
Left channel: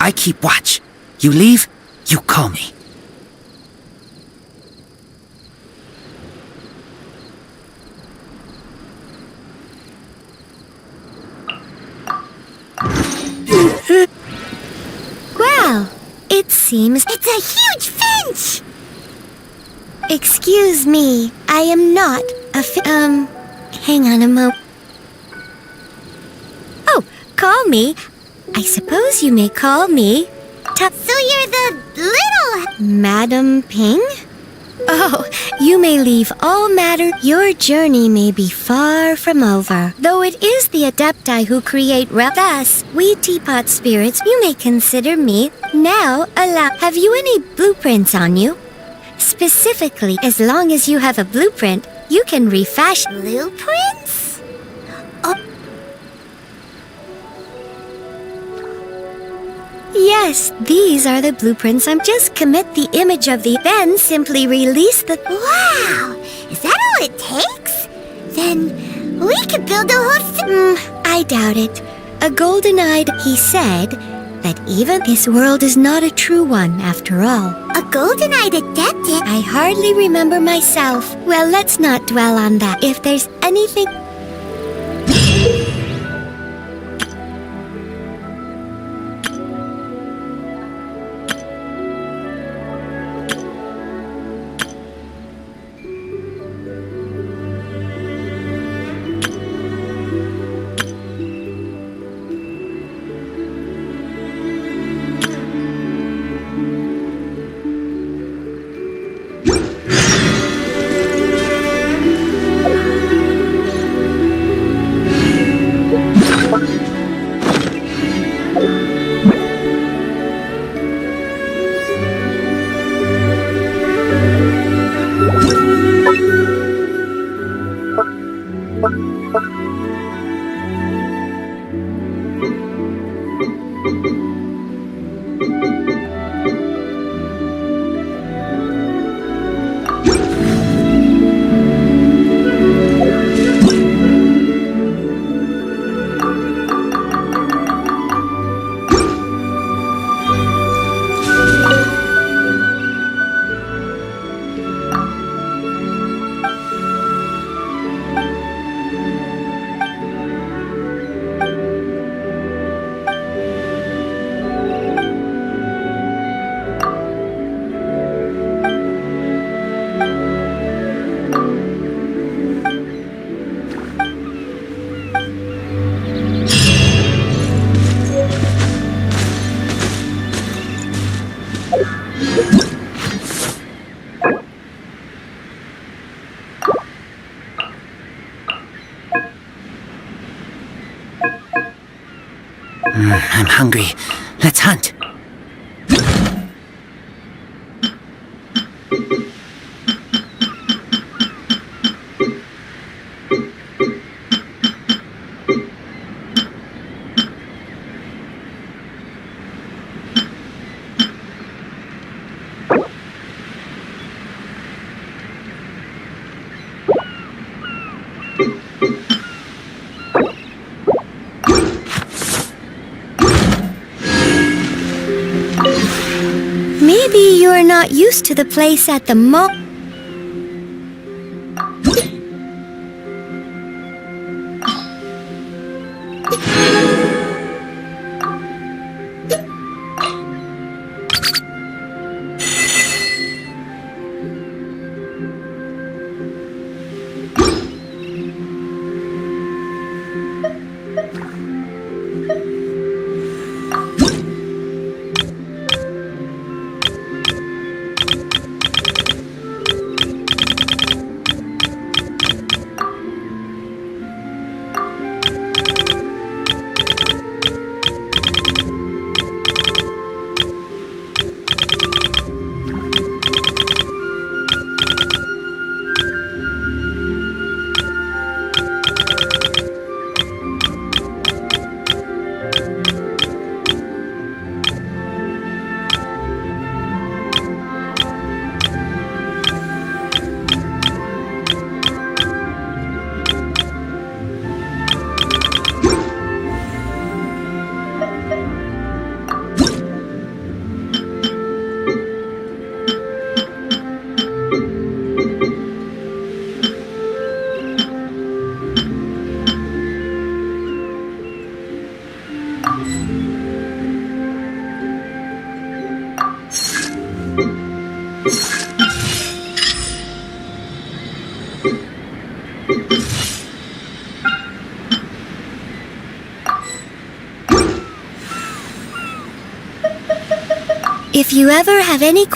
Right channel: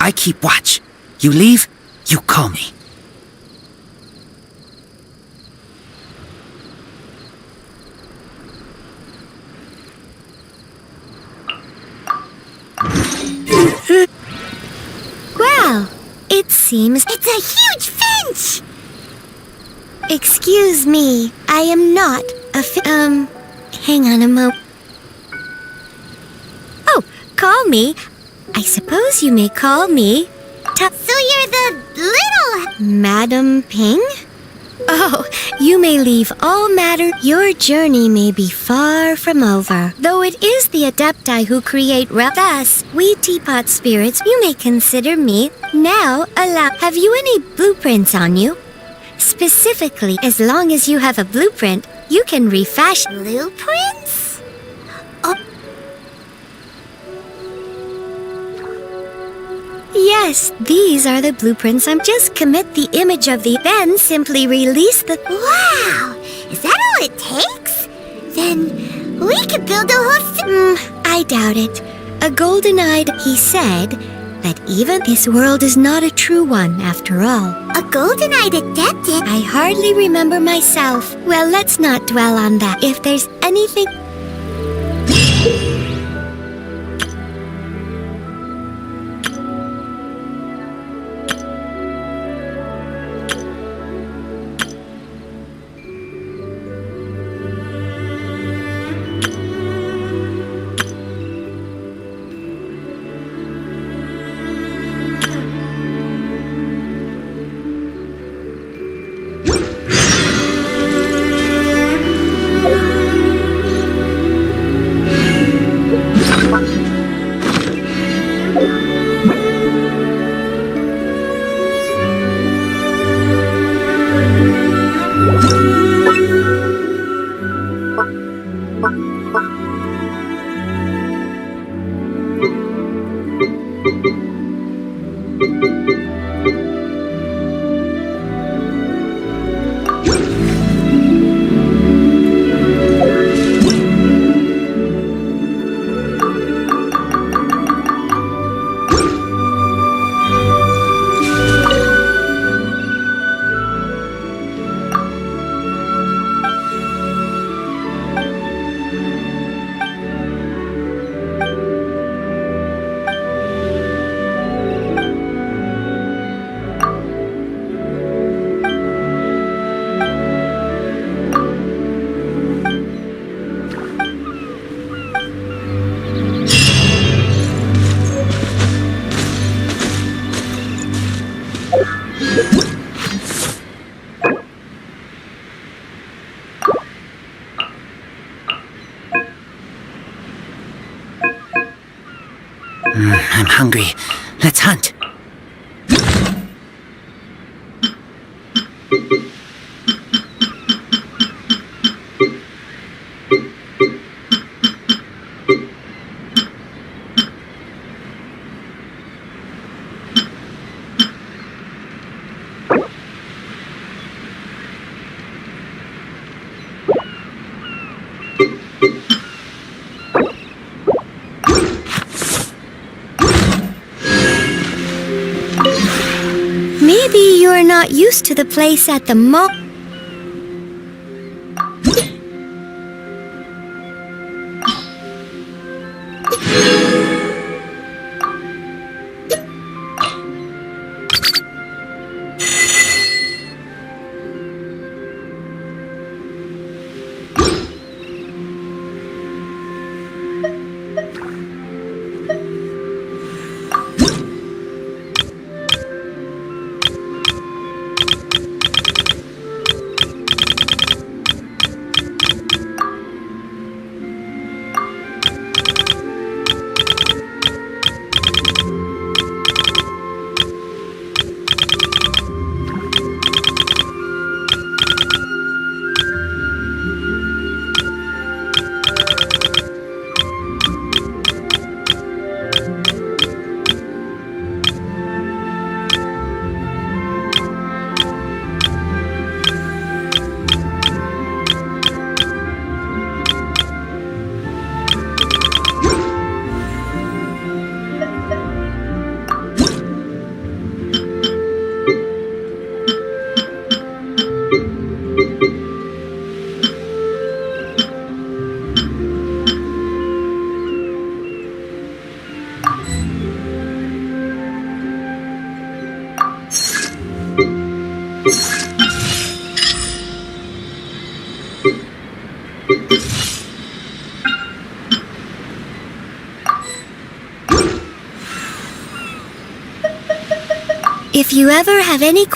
I keep watch. You leave, you call me. Well, it seems it's a huge finch! Excuse me, I am not a hang on a moment. Oh, call me. I suppose you may call me. So you're the little... Madam Ping? Oh, you may leave all matter. Your journey may be far from over. Though it is the Adepti who create thus, we teapot spirits, you may consider me. Now, have you any blueprints on you? Specifically, as long as you have a blueprint, you can refashion... Blueprints? Oh. Yes, these are the blueprints. Just commit the image of the... Then simply release the... Wow! Is that all it takes? Then we could build a whole... I doubt it. A golden-eyed... He said that even this world is not a true one, after all. A golden-eyed adeptic? I hardly remember myself. Well, let's not dwell on that. If there's anything... I'm hungry. Let's hunt. Maybe you're not used to the place at the If you ever have any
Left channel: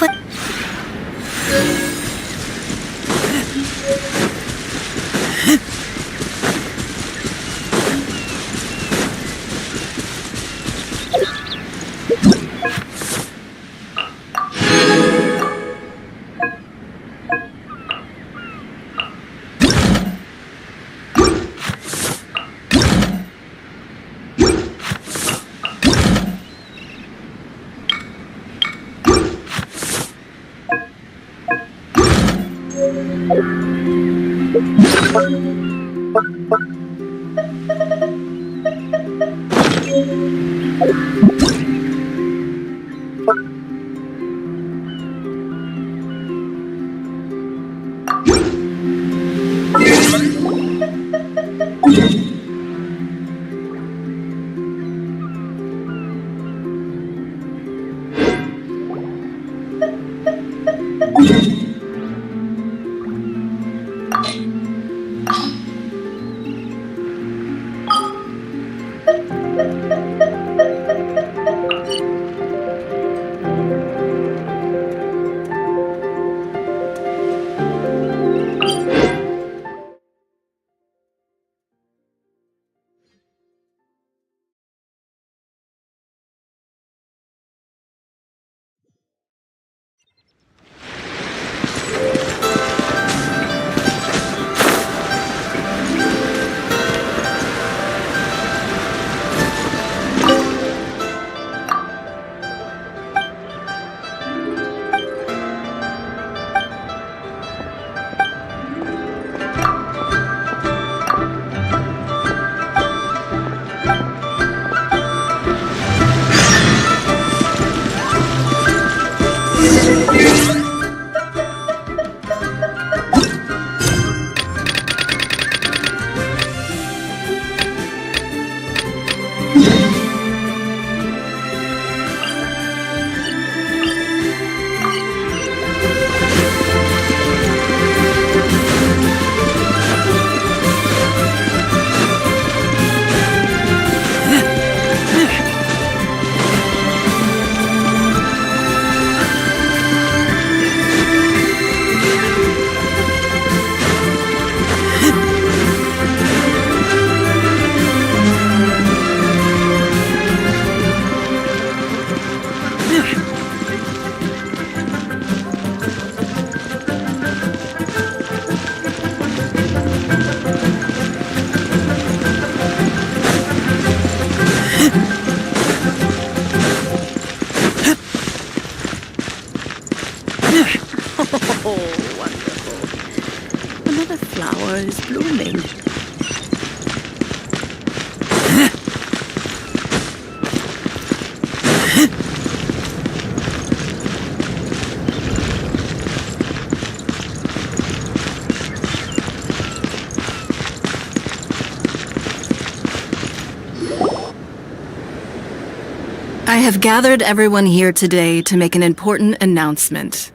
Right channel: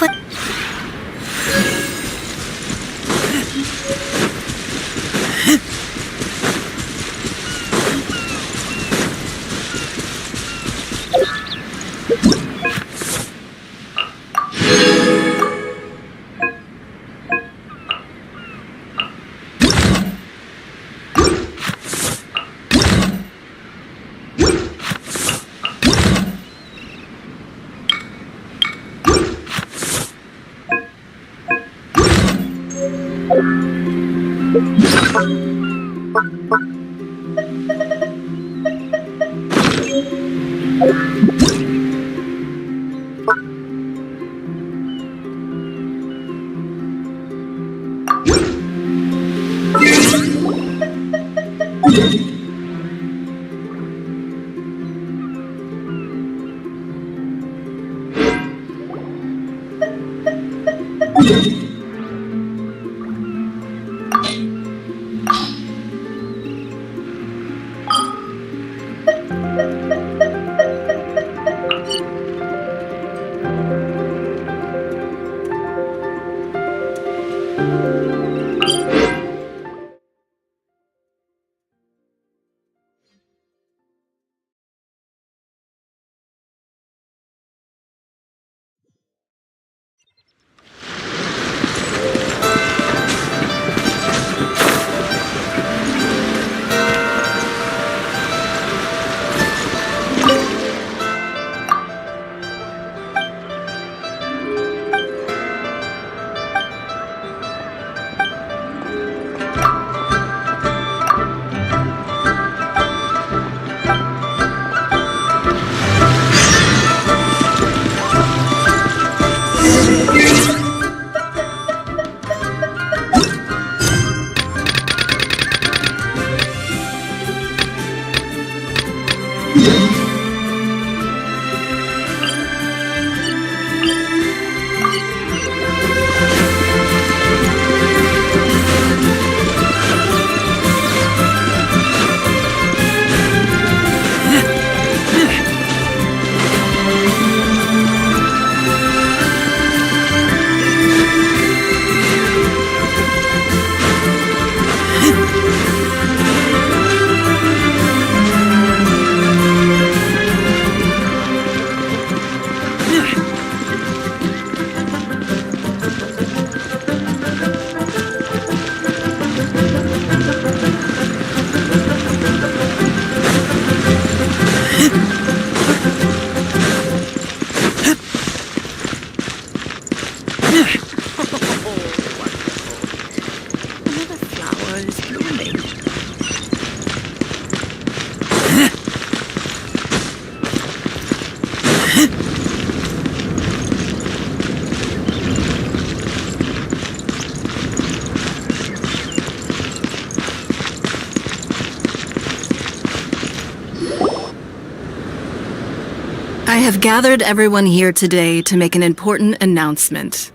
I have gathered everyone here today to make an important announcement.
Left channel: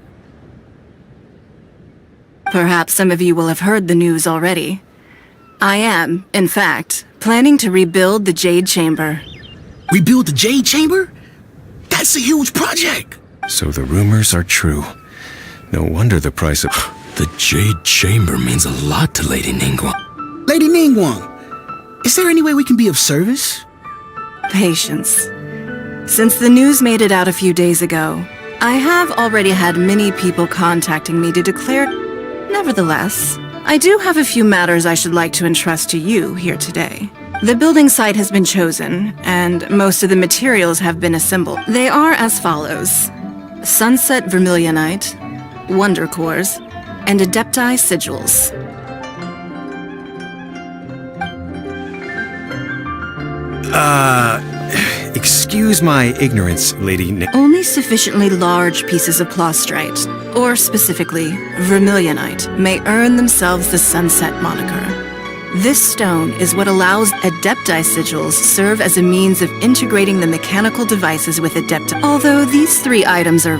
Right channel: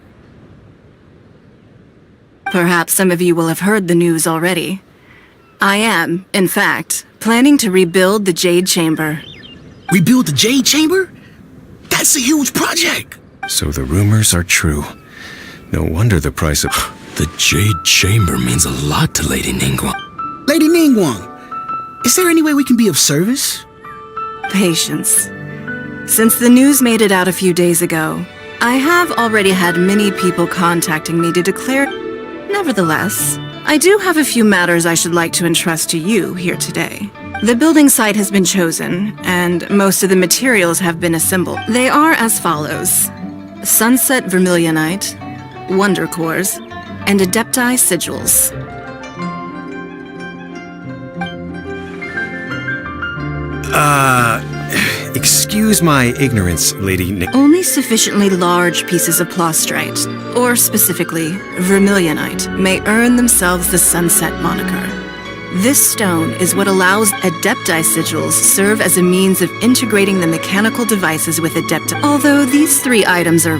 Perhaps some of you will have heard the news already. I am, in fact, planning to rebuild the Jade Chamber. Rebuild the Jade Chamber? That's a huge project! So the rumors are true. No wonder the price of... The Jade Chamber means a lot to Lady Ningguang. Lady Ningguang, is there any way we can be of service? Patience. Since the news made it out a few days ago, I have already had many people contacting me to declare... Nevertheless, I do have a few matters I should like to entrust to you here today. The building site has been chosen, and most of the materials have been assembled. They are as follows: Sunset Vermilionite, Wonder Cores, and Adepti Sigils. Excuse my ignorance, Lady Only sufficiently large pieces of Plostrite, or specifically, Vermilionite, may earn themselves the Sunset moniker. This stone is what allows Adepti Sigils serve as a means of integrating the mechanical devices with Adepti. Although these three items are